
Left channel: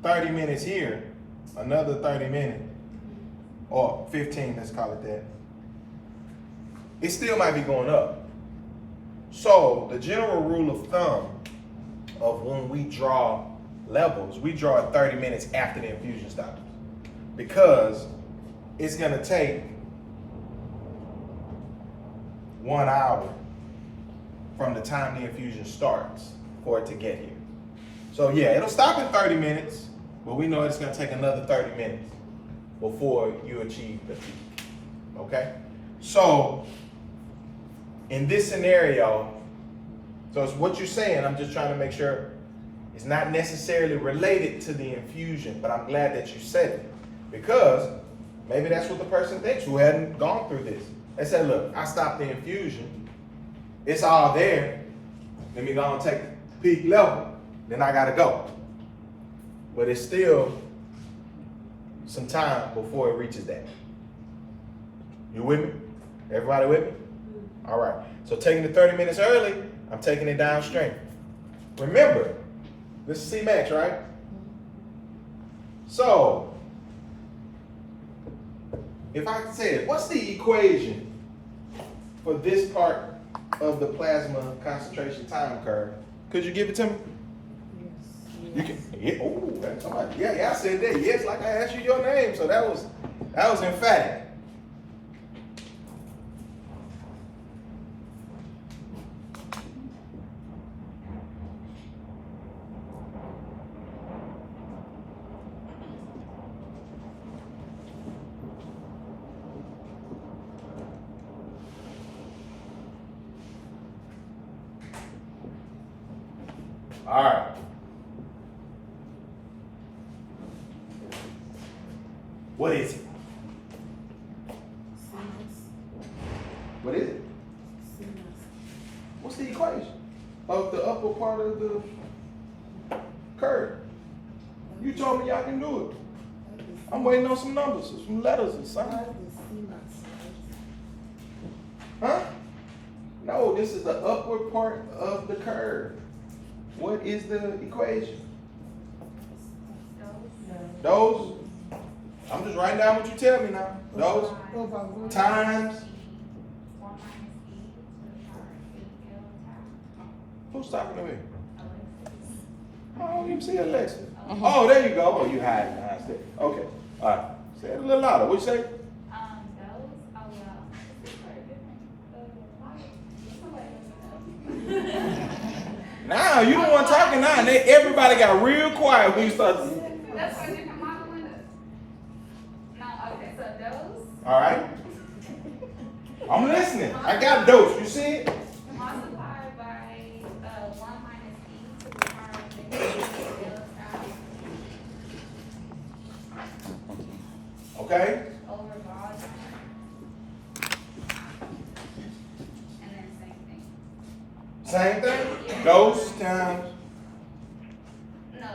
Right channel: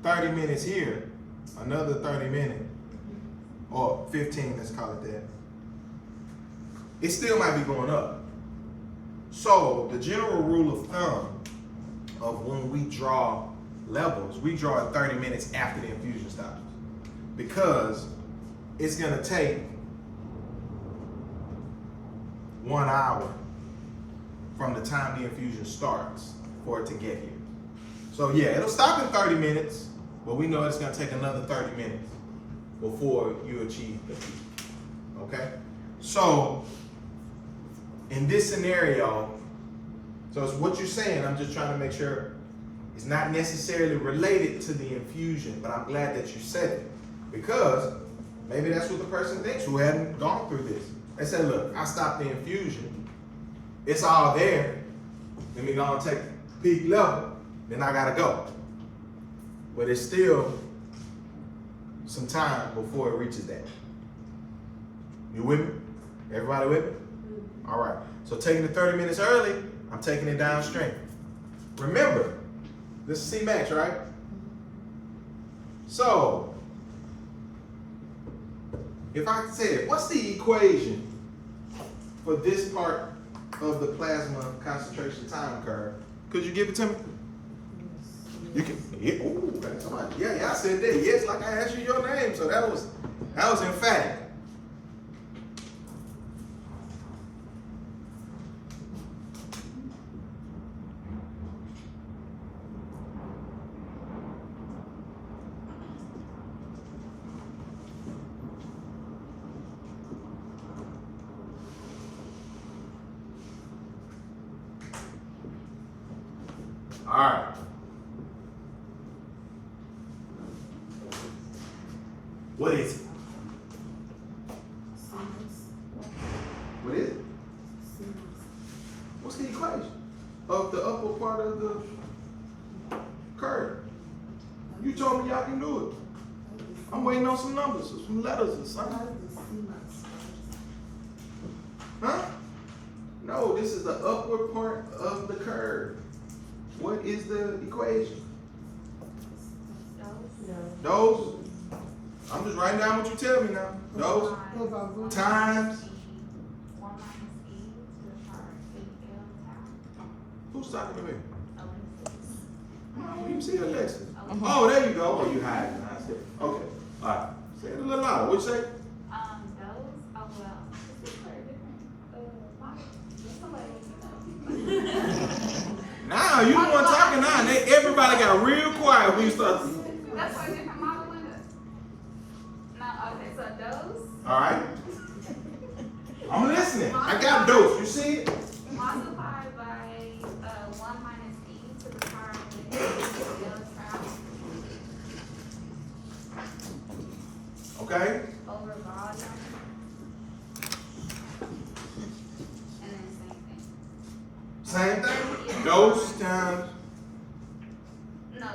30 minutes here, another 30 minutes, or 15, let's call it that, it still might be going up. So the general rule of thumb of when we draw levels, we draw it 30 minutes after the infusion stops. Because it's gonna take 1 hour from the time the infusion starts for it to get here. So yeah, it'll stop in 30 minutes, but we know it's gonna take another 30 minutes before you achieve the peak. Okay? So in this scenario, so it's what you're saying, I'm just trying to make sure it's not necessarily related to the infusion, but I'm glad that you said it. Because maybe that's what the person thinks who hadn't gone through this. They said, look, I stopped the infusion, it's all there, let me go and take peak level, then I gotta go. But it's still some time before it reaches that. You with me? Everybody with me? All right, so taking it 30 minutes early, I'm taking it downstream. Remember, this is C-max, right? So, if I said, what's the equation for this part of the plasma concentration time curve? Could you give it to me? You can. Yeah, oh, that's somebody. Yeah, I said that. Yes, like I asked you your name, so that was emphatic. All right. What is it? What is it? What's the equation of the upper part of the curve? You told me y'all can do it. I'm waiting on some numbers or some letters or something. Huh? No, this is the upward part of the curve. What is the equation? Those. I'm just writing down what you tell me now. Those times. Who's talking to me? Oh, you see Alexa. Oh, there you go. Oh, you hide behind stairs. Okay. All right. Say it a little louder. What'd you say? Nah, you the one talking now. Everybody got real quiet when you start. That's why they come out the window. No, okay, so those. All right. I'm listening. I got dose. You see it? Multiplied by 1 minus e to the power of negative Okay. over volume. And then same thing. Same thing. Dose times. No,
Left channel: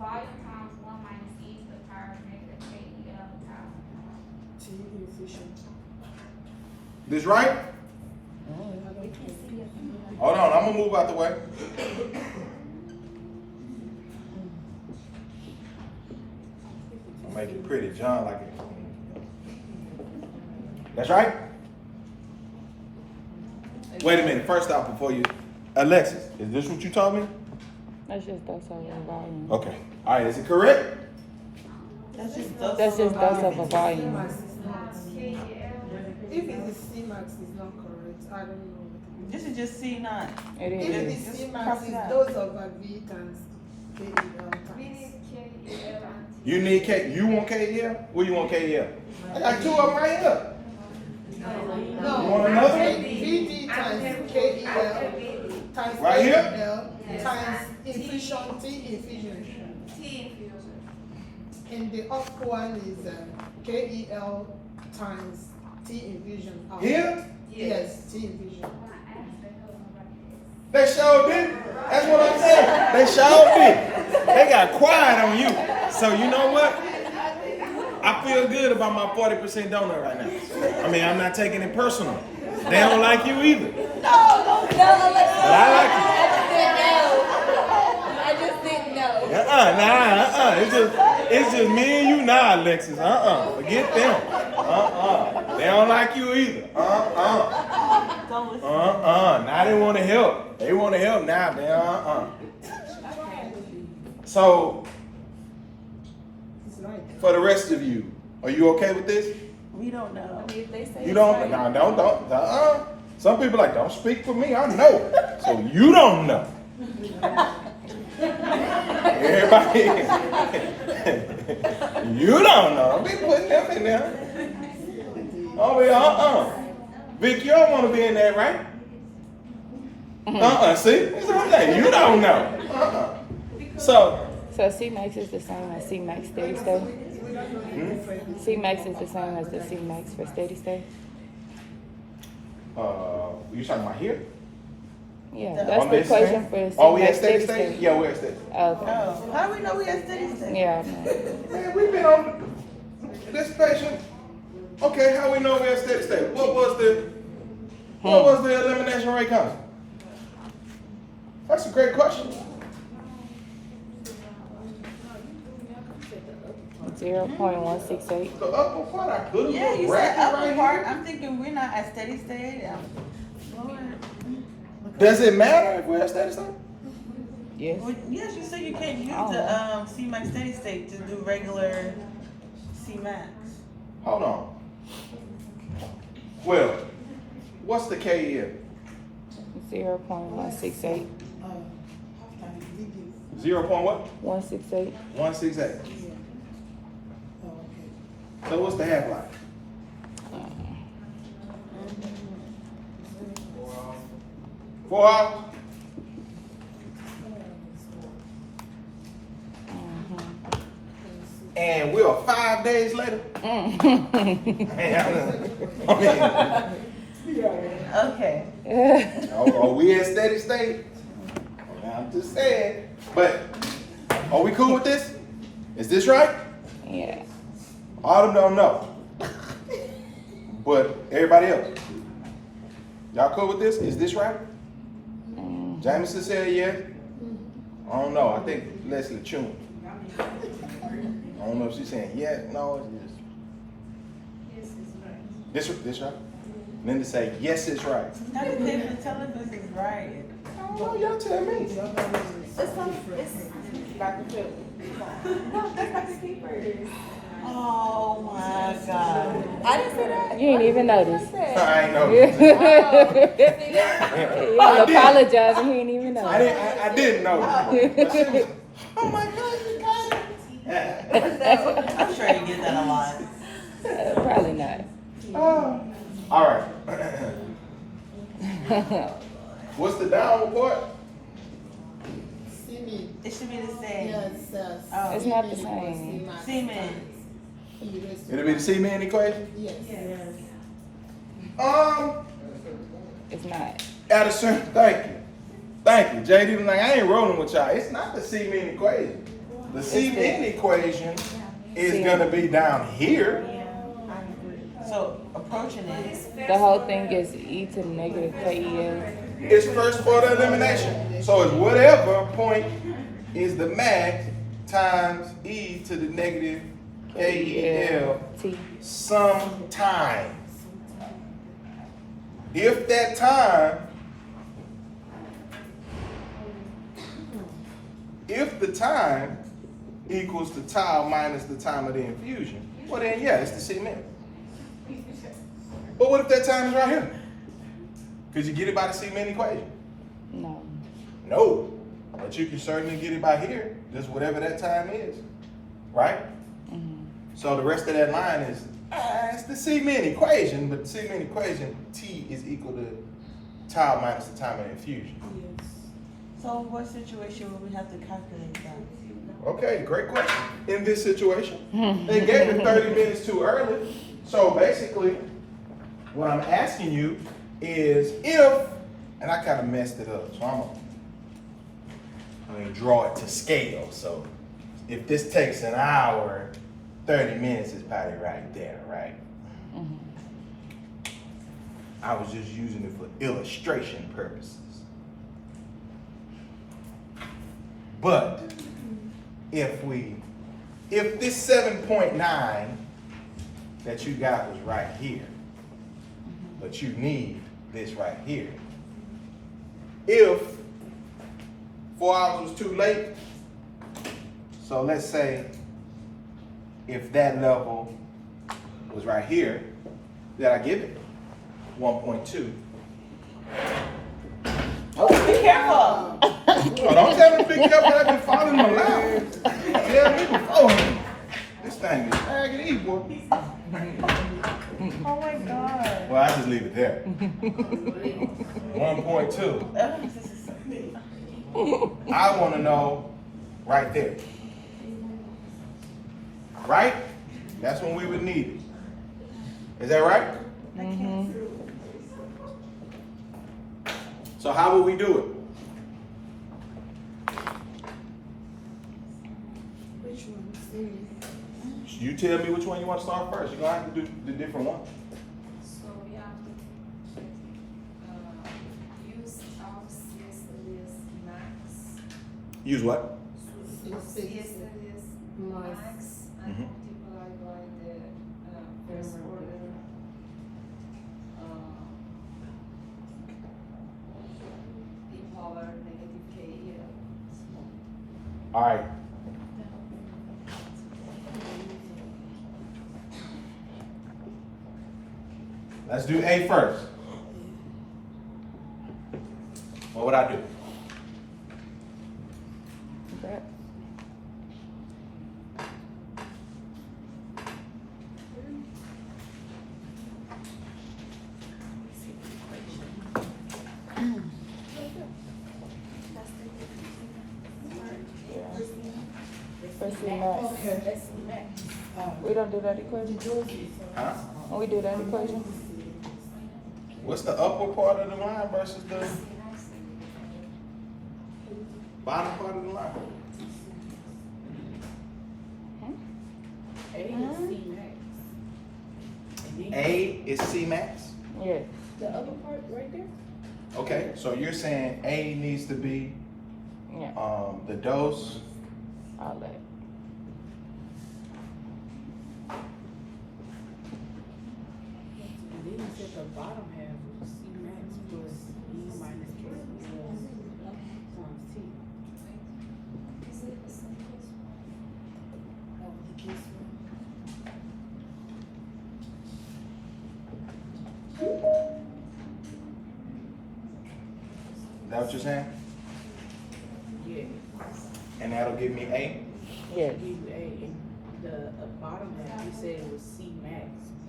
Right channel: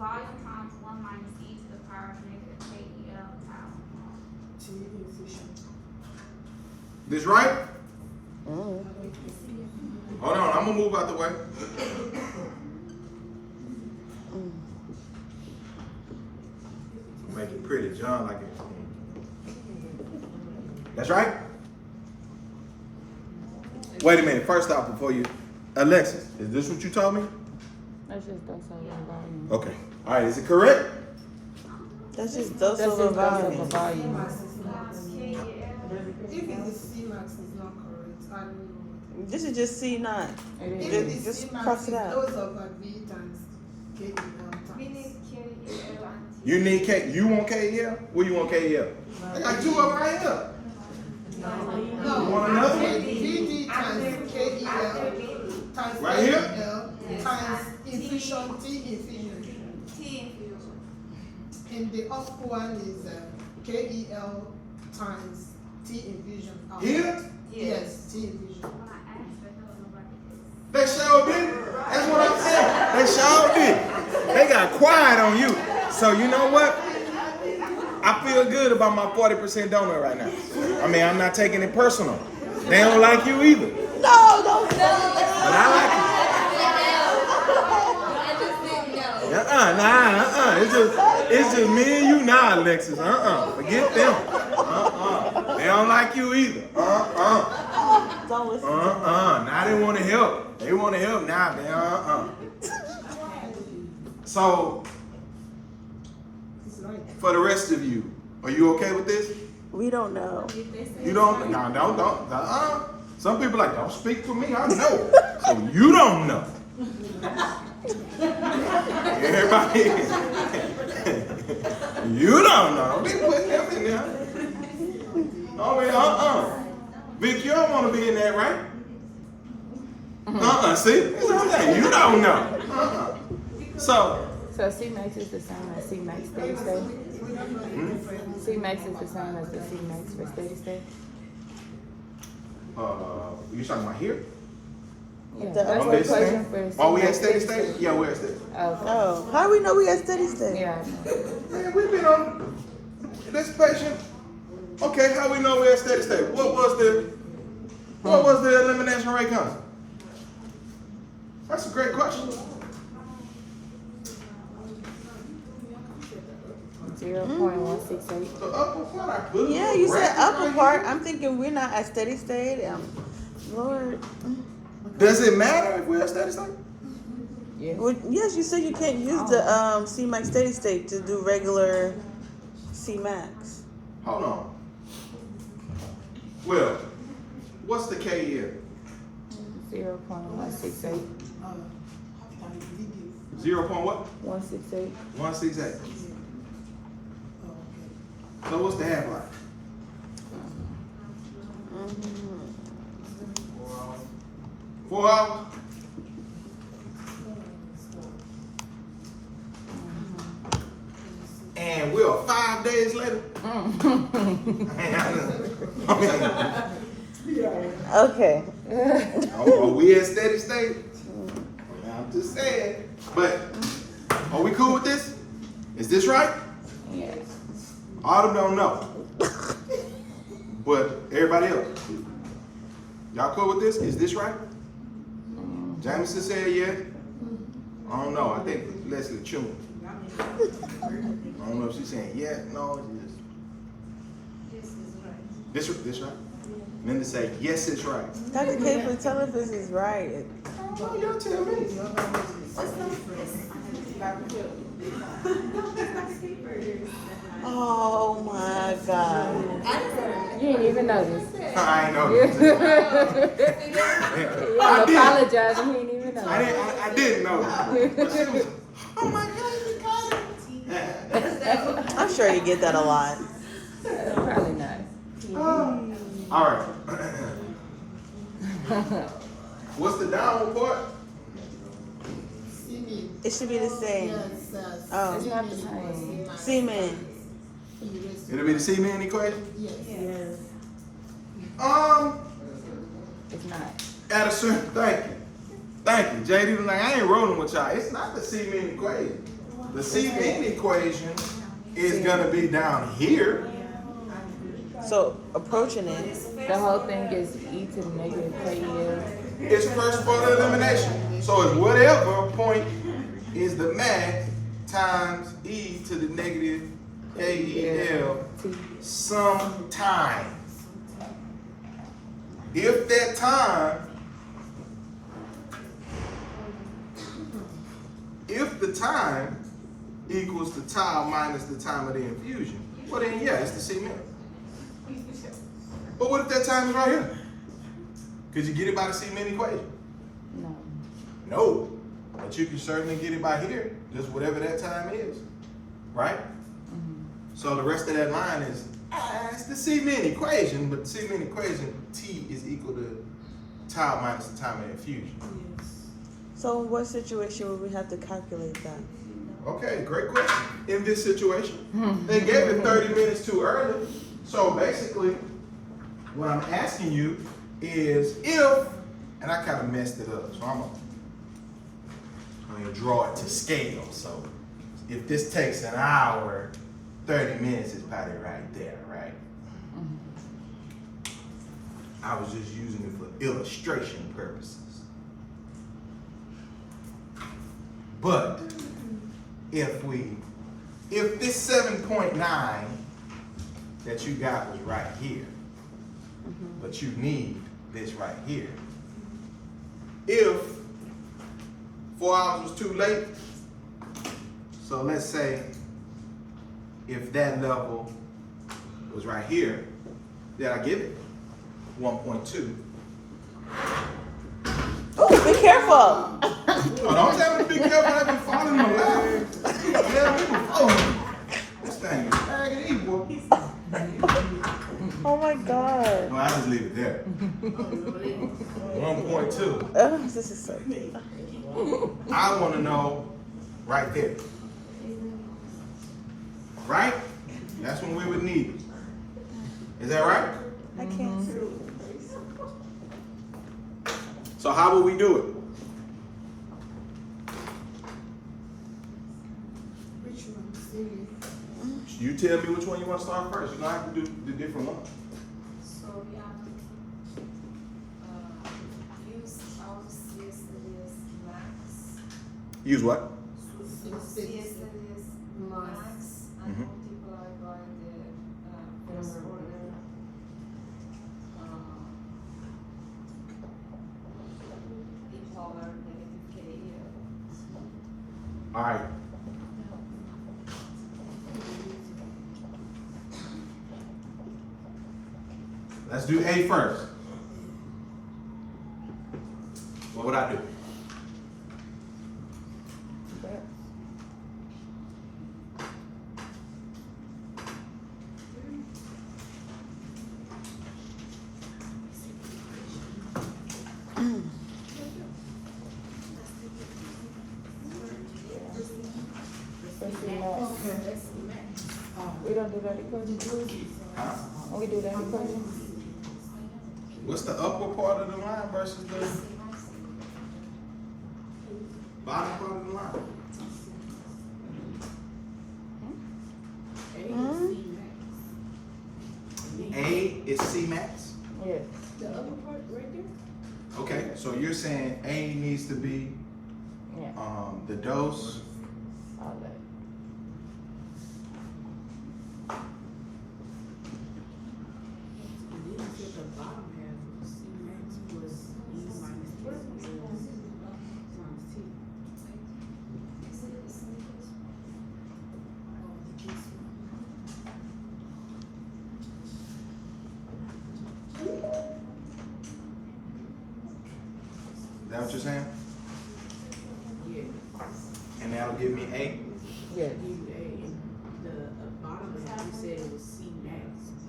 volume times 1 minus e to the power of negative KEL times. This right? Hold on. I'm gonna move out the way. Make it pretty, John. Like it. That's right. Wait a minute. First off, before you, Alexis, is this what you told me? That's just dose over volume. Okay. All right. Is it correct? That's just dose That's over just dose over volume. volume. If it's the C-max is not correct, I don't know. This is just C9. It If is. the Just C-max cross is it out. dose over V times KEL times. You need K. You want KEL? What you want KEL? I got two of them right here. No, You want another one? VD times KEL times Right here? KEL times infusion, T infusion. And the upper one is KEL times T infusion. Here? Yes, T infusion. They sure did. That's what I'm saying. They sure did. They got quiet on you. So you know what? I feel good about my 40% donor right now. I mean, I'm not taking it personal. They don't like you either. But I like you. I just didn't know. It's just me and you now, Alexis. Forget them. They don't like you either. Don't listen. Now they want to help. They want to help now. They So, It's right. for the rest of you, are you okay with this? We don't know. If they say You don't, it's no, right, don't. Some people like, don't speak for me, I know. So you don't know. Everybody, you don't know. They putting them in there. Oh, yeah, Bitch, you don't want to be in there, right? See? That's what I'm saying. You don't know. So, C-Max is the same as C-Max steady state? C-Max is the same as the C-Max for steady state? you talking about here? Yeah, The- that's On the this question thing? for Oh, we at C-Max steady state? Yeah, we're at steady state. Okay. Oh, how do we know we at steady state? Yeah. Man, we've been on this patient. Okay, how we know we're at steady state? What was the elimination rate constant? That's a great question. 0.168. The upper part, I put a Yeah, little you said bracket upper right part. here. I'm thinking we're not at steady state. Lord. Does it matter if we're at steady state? Yeah. Well, yes, you said you can't use the C-Max steady state to do regular C-Max. Hold on. Well, what's the KEL? 0.168. 0. What? 168. 168. So what's the half-life? 4 hours? And we're 5 days later? Okay. Are we at steady state? I'm just saying. But are we cool with this? Is this right? Yeah. Autumn don't know. But everybody else. Y'all cool with this? Is this right? Jameson said yeah. I don't know. I think Leslie Chun. I don't know if she's saying yeah, no, it's this right? Linda say yes, it's right. Dr. Caitlin, tell us this is right. Oh, y'all tell me. Oh my God. You ain't even noticed. I ain't know. I apologize. You ain't even know. I didn't know. But she was, oh my God, you got it. I'm sure you get that a lot. Probably not. All right. What's the downward part? Semen. It should be the same. Yes, Oh. It's not the same. Semen. It'll be the C-man equation? Yes. It's not. At a certain, thank you, JD. Like I ain't rolling with y'all. It's not the C-man equation. The C-man equation is gonna be down here. So approaching it. The whole thing is e to the negative KEL. It's first order elimination. So it's whatever point is the max times e to the negative KEL T. sometime. If that time, if the time equals the tau minus the time of the infusion, well then yeah, it's the C-min. But what if that time is right here? Could you get it by the C-min equation? No. No, but you can certainly get it by here, just whatever that time is, right? So the rest of that line is, it's the C-min equation, but the C-min equation, T is equal to tau minus the time of infusion. So in what situation would we have to calculate that? Okay, great question. In this situation, they gave it 30 minutes too early. So basically, what I'm asking you is if, and I kind of messed it up, so I'm gonna draw it to scale. So if this takes an hour, 30 minutes is probably right there, right? I was just using it for illustration purposes. But if this 7.9 that you got was right here, but you need this right here. If 4 hours was too late, so let's say if that level was right here, that I give it 1.2. Oh, be careful. Oh, don't tell me to be careful, I've been following him around. Tell me to follow him. This thing is raggedy, boy. Oh my God. Well, I just leave it there. 1.2. This is so big. I want to know right there. Right? That's when we would need it. Is that right? I can't see. So how would we do it? Which one? See, You tell me which one you want to start first. You're going to have to do the different one. So, yeah, use our CSLS max. Use what? CSLS max and Mhm. multiply by the first order. The power negative KL. All right. Let's do A first. What would I do? We don't do that equation. Huh? When we do that equation, What's the upper part of the line versus the bottom part of the line? A is C max. A is C max? yes. The other part right there? Okay, so you're saying A needs to be Yeah. the dose. All that. And then you said the bottom half of C max plus E minus KL times T. Is that what you're saying? Yeah, And that'll give me A? Yes. you A, and the bottom half, you said it was C max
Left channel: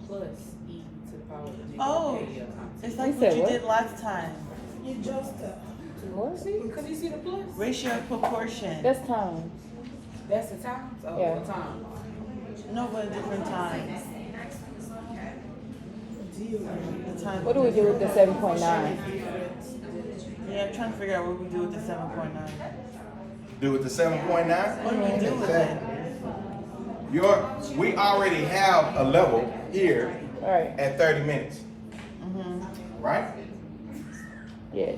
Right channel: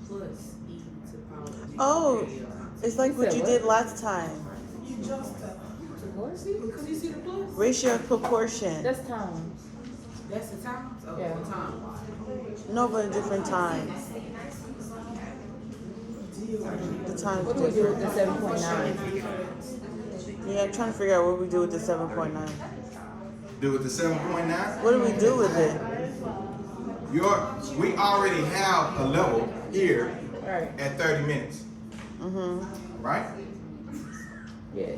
plus E to the power of negative Oh, KL times it's like You what said you what? did last time. you just, What? See, because you see the plus? Ratio of proportion. That's times. That's the times? Oh, Yeah. the time. No, but different times. The time. What do we do with the 7.9? Yeah, I'm trying to figure out what we do with the 7.9. Do with the 7.9? What do we do with it? We already have a level here All right. at 30 minutes, Mm-hmm. right? Yes.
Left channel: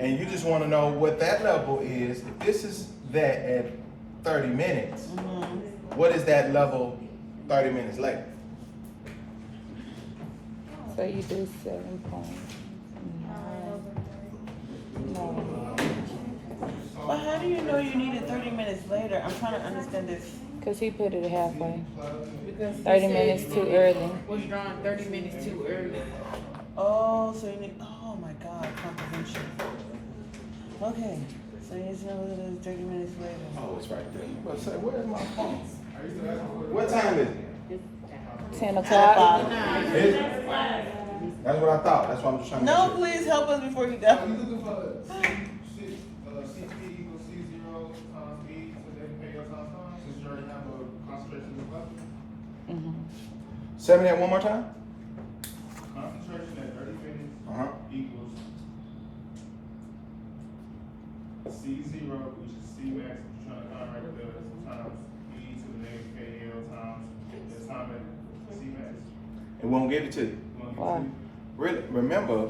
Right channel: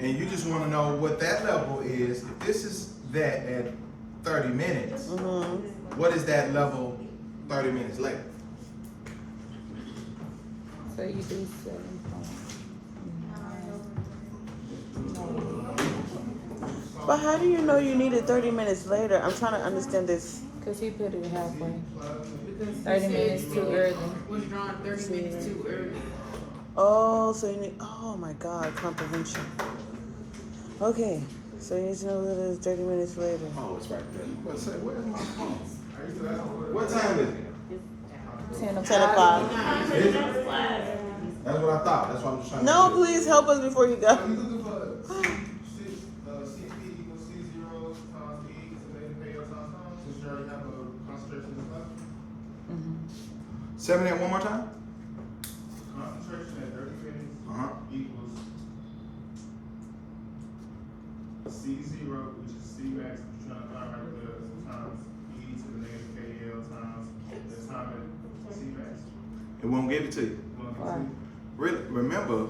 And you just want to know what that level is. If this is that at 30 minutes, Mm-hmm. what is that level 30 minutes later? So you do 7.9. But how do you know you need it 30 minutes later? I'm trying to understand this. Because he put it halfway. Because 30 minutes too early. was drawn 30 minutes too early. Oh, so you need, oh my God, comprehension. Okay, so you need to know that it's 30 minutes later. Oh, it's right there. What's that? Where's my phone? What time is it? 10 10 o'clock. o'clock. Is it? That's what I thought. That's what I'm just trying to No, make sure. please help us before you go. CP equals C0 times E to the KL times time, since you already have the concentration in the cup. Mhm. 7 at one more time? Concentration at 30 minutes Uh-huh. equals C0, which is C max, which you're trying to find right there, times E to the negative KL times the time at C max. It won't give it to you. Why? Really, remember,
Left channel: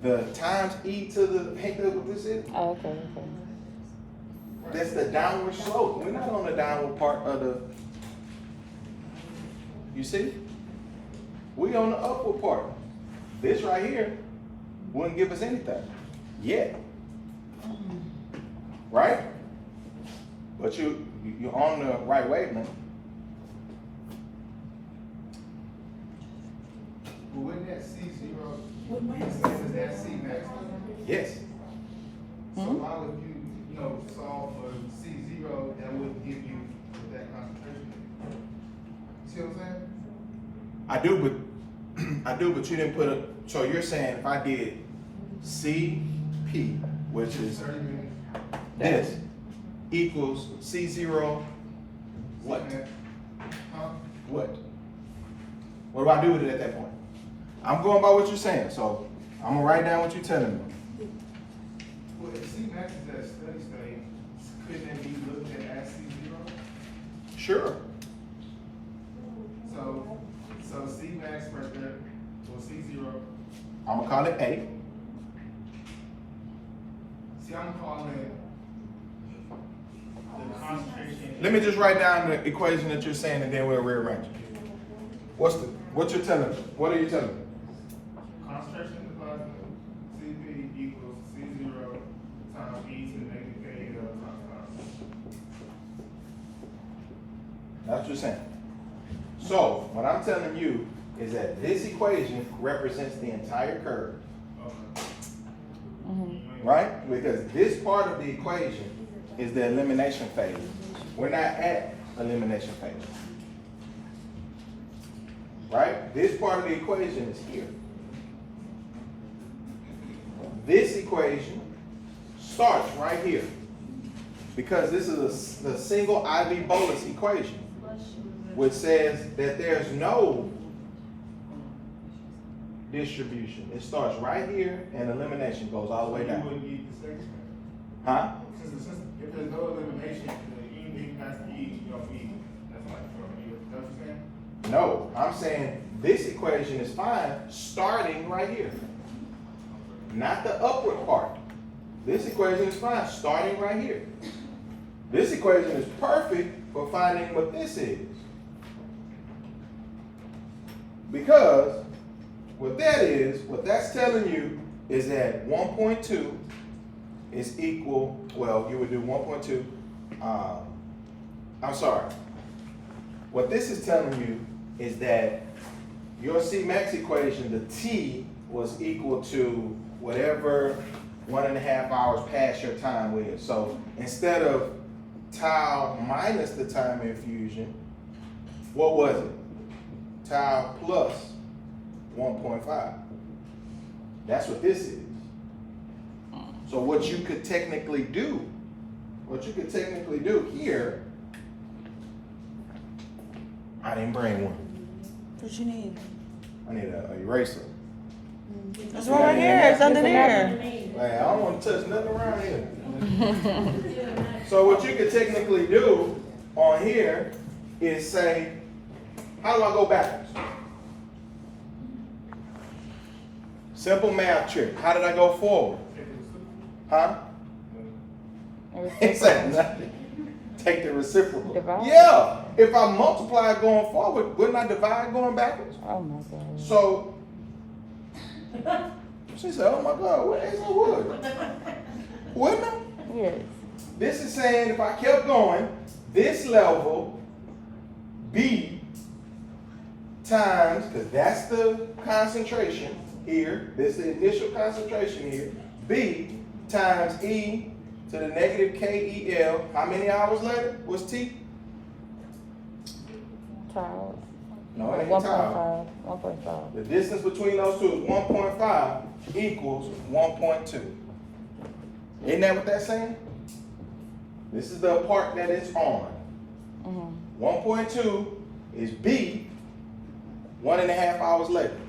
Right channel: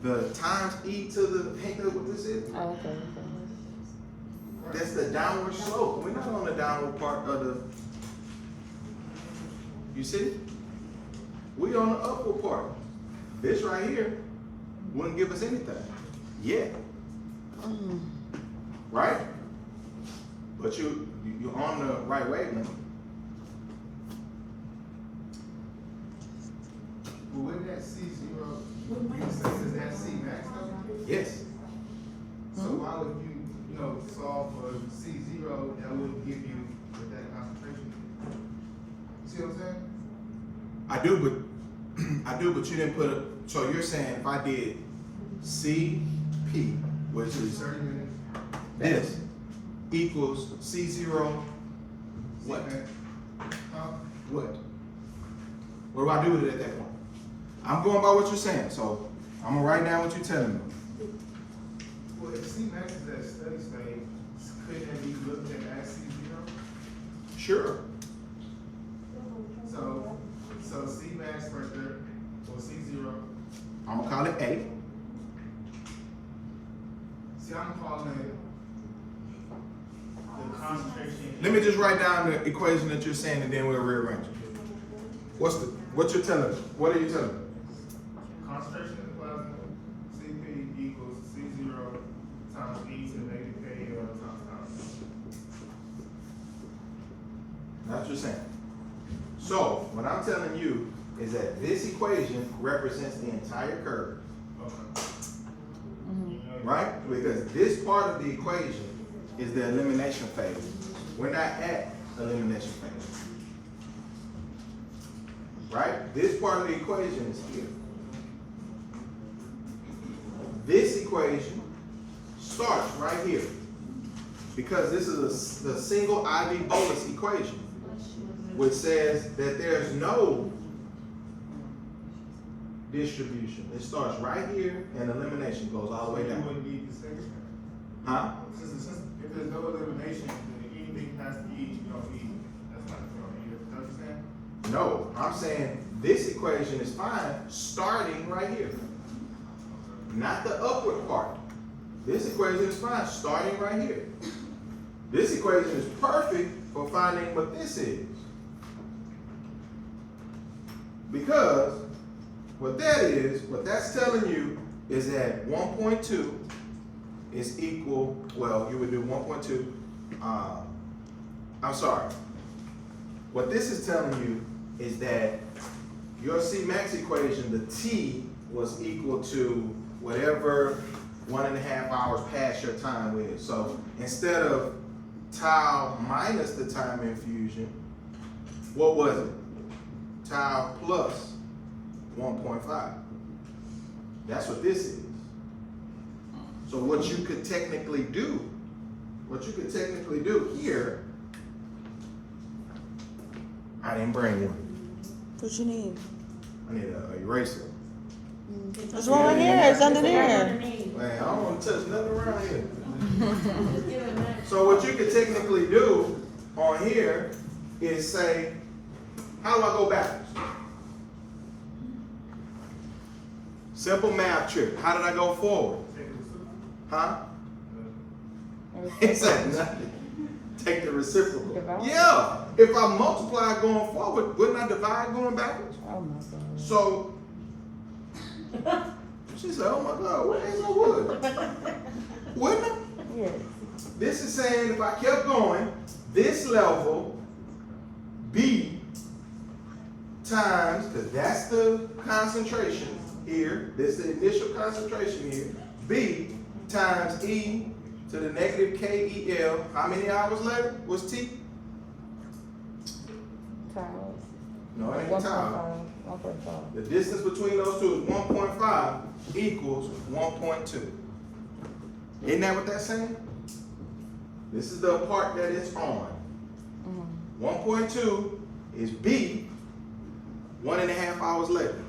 the times E to the, hey, look what this is? Oh, okay, okay. That's the downward slope. We're not on the downward part of the, you see? We on the upward part. This right here wouldn't give us anything yet, right? But you're on the right wavelength. But wouldn't that C zero be the same as that C max though? Yes. So why would you know, solve for C zero, that wouldn't give you that concentration? You see what I'm saying? I do, but you didn't put a, so you're saying if I did CP, which is 30 minutes. this, equals C0, what? Huh? What? What do I do with it at that point? I'm going by what you're saying, so I'm gonna write down what you're telling me. Well, if C max is at steady state, couldn't it be looked at as C zero? Sure. So C max right there, so C zero. I'm gonna call it A. See, I'm calling it the concentration. Let me just write down the equation that you're saying and then we'll rearrange it. What you're telling me? What are you telling me? Concentration in the plasma, Cp equals C zero times E to the negative KL times constant. That's what you're saying. So, what I'm telling you is that this equation represents the entire curve, Okay. right? Because this part of the equation is the elimination phase. We're not at elimination phase. Right? This part of the equation is here. This equation starts right here. Because this is the single IV bolus equation, which says that there's no distribution. It starts right here and elimination goes all the way You down. wouldn't need the second. Huh? Since if there's no elimination, then anything past the E, you don't need. That's like, you know what I'm saying? No, I'm saying this equation is fine starting right here. Not the upward part. This equation is fine starting right here. This equation is perfect for finding what this is. Because what that's telling you is that 1.2 is equal, well, you would do 1.2, I'm sorry. What this is telling you is that your C-max equation, the T was equal to whatever 1.5 hours past your time is. So instead of tau minus the time infusion, what was it? Tau plus 1.5. That's what this is. So what you could technically do here, I didn't bring one. What you need? I need an eraser. It's right here. It's under there. Man, I don't want to touch nothing around here. So what you could technically do on here is say, how do I go backwards? Simple math trick. How did I go forward? Huh? He said nothing. Take the reciprocal. Divide? Yeah. If I multiply going forward, wouldn't I divide going backwards? Oh my God. So she said, oh my God, what is a wood? Wouldn't it? Yes. This is saying if I kept going, this level, B times, because that's the concentration here, this is the initial concentration here, B times E to the negative KEL, how many hours later was T? Tiles. No, it ain't time. 1.5. The distance between those two is 1.5 equals 1.2. Isn't that what that's saying? This is the part that it's on. 1.2 is B 1.5 hours later.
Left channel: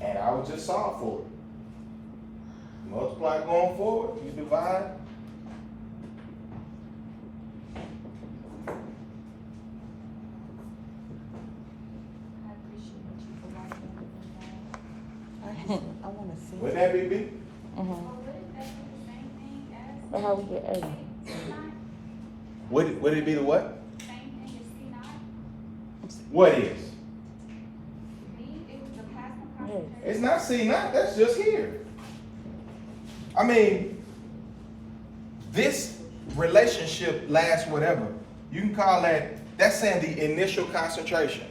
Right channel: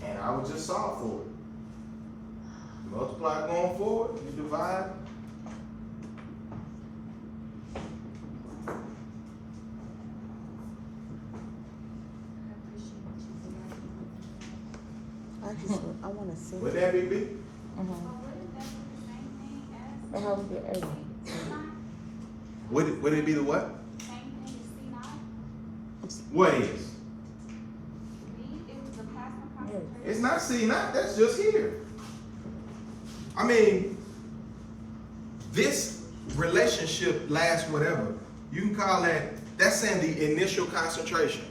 And I would just solve for it. Multiply going forward, you divide. I want to see. Would that be B? But how we get A? Would it be the what? What is? Yes. It's not C naught, that's just here. I mean, this relationship lasts whatever. You can call that's saying the initial concentration.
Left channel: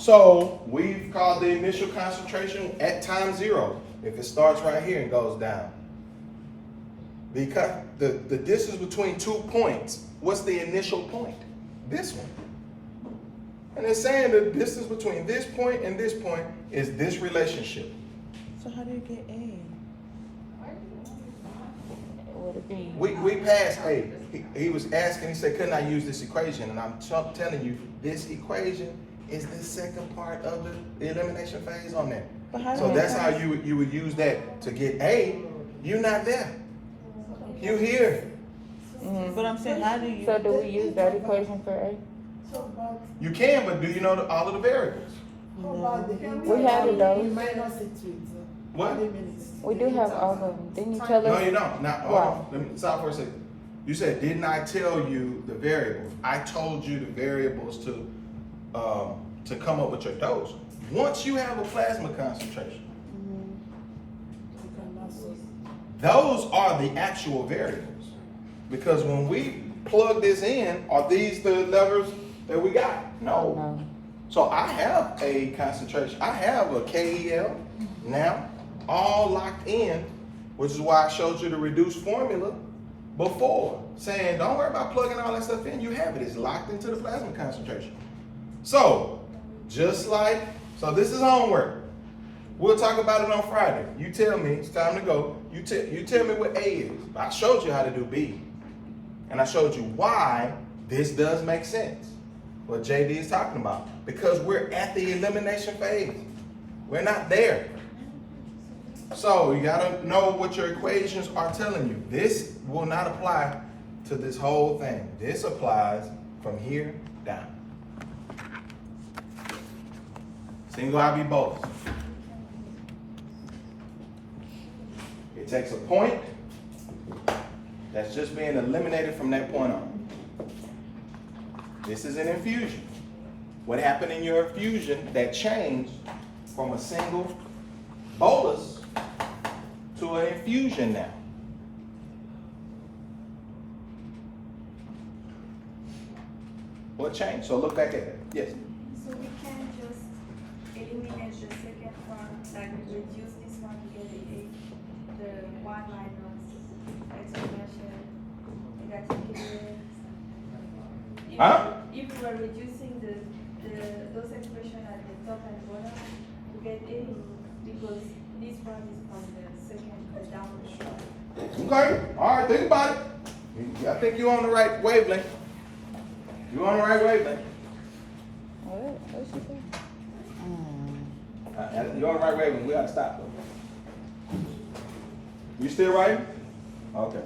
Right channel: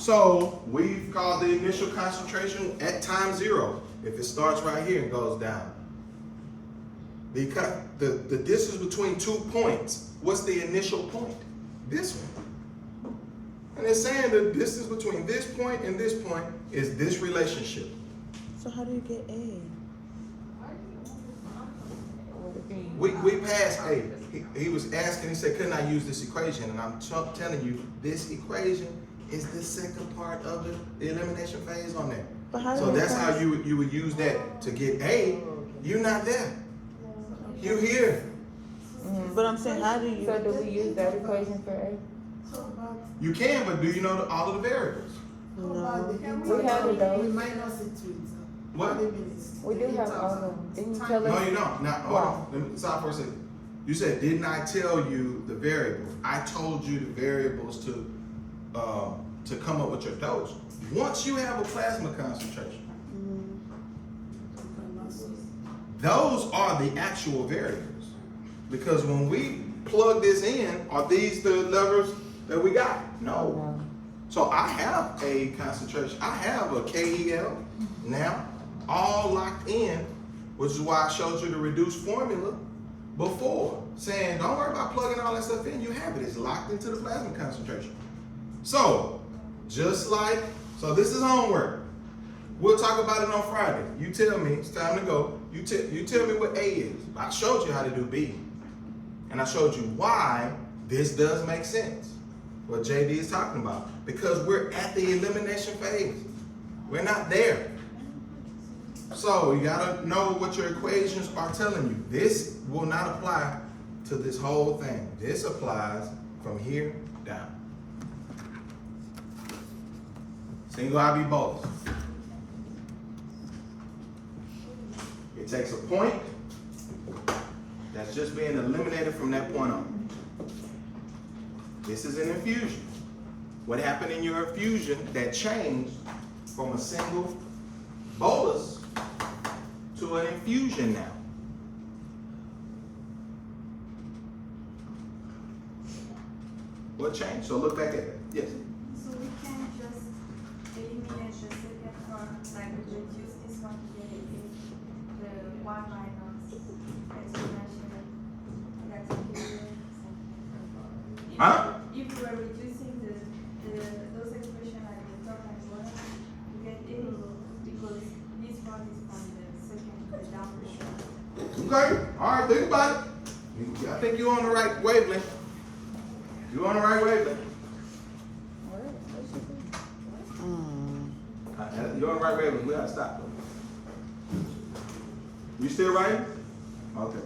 So we've called the initial concentration at time 0. If it starts right here and goes down. The distance between 2 points, what's the initial point? This one. And it's saying the distance between this point and this point is this relationship. So how do you get A? Would it be? We passed A. He was asking, he said, couldn't I use this equation? And I'm telling you, this equation is the second part of the elimination phase on that. But how do So you that's pass? how you would use that to get A. You're not there. You here. But I'm saying, how do you? So do we use that equation for A? You can, but do you know all of the variables? We have it though. Minus it with. What? We do have all of them. Didn't you tell No, us? you don't. Now, hold on. Let me stop for a second. You said, didn't I tell you the variables? I told you the variables to come up with your dose. Once you have a plasma concentration, those are the actual variables. Because when we plug this in, are these the levers that we got? No. No. So I have a concentration. I have a KEL now, all locked in, which is why I showed you the reduced formula before, saying don't worry about plugging all that stuff in. You have it. It's locked into the plasma concentration. So just like, so this is homework. We'll talk about it on Friday. You tell me it's time to go. You tell me what A is. I showed you how to do B, and I showed you why this does make sense. What JD is talking about, because we're at the elimination phase. We're not there. So you gotta know what your equations are telling you. This will not apply to this whole thing. This applies from here down. Single IB bolus. It takes a point that's just being eliminated from that point on. This is an infusion. What happened in your infusion that changed from a single bolus to an infusion now? What changed? So look back at it. Yes. So we can just eliminate the second part, like we reduce this one to get the 1 minus exponential negative. Huh? If we were reducing those expressions at the top and bottom, we get A because this part is from the second down the short. Okay. All right. Think about it. I think you're on the right wavelength. You're on the right wavelength. What? What's she saying? You're on the right wavelength. We gotta stop though. You still writing? Okay.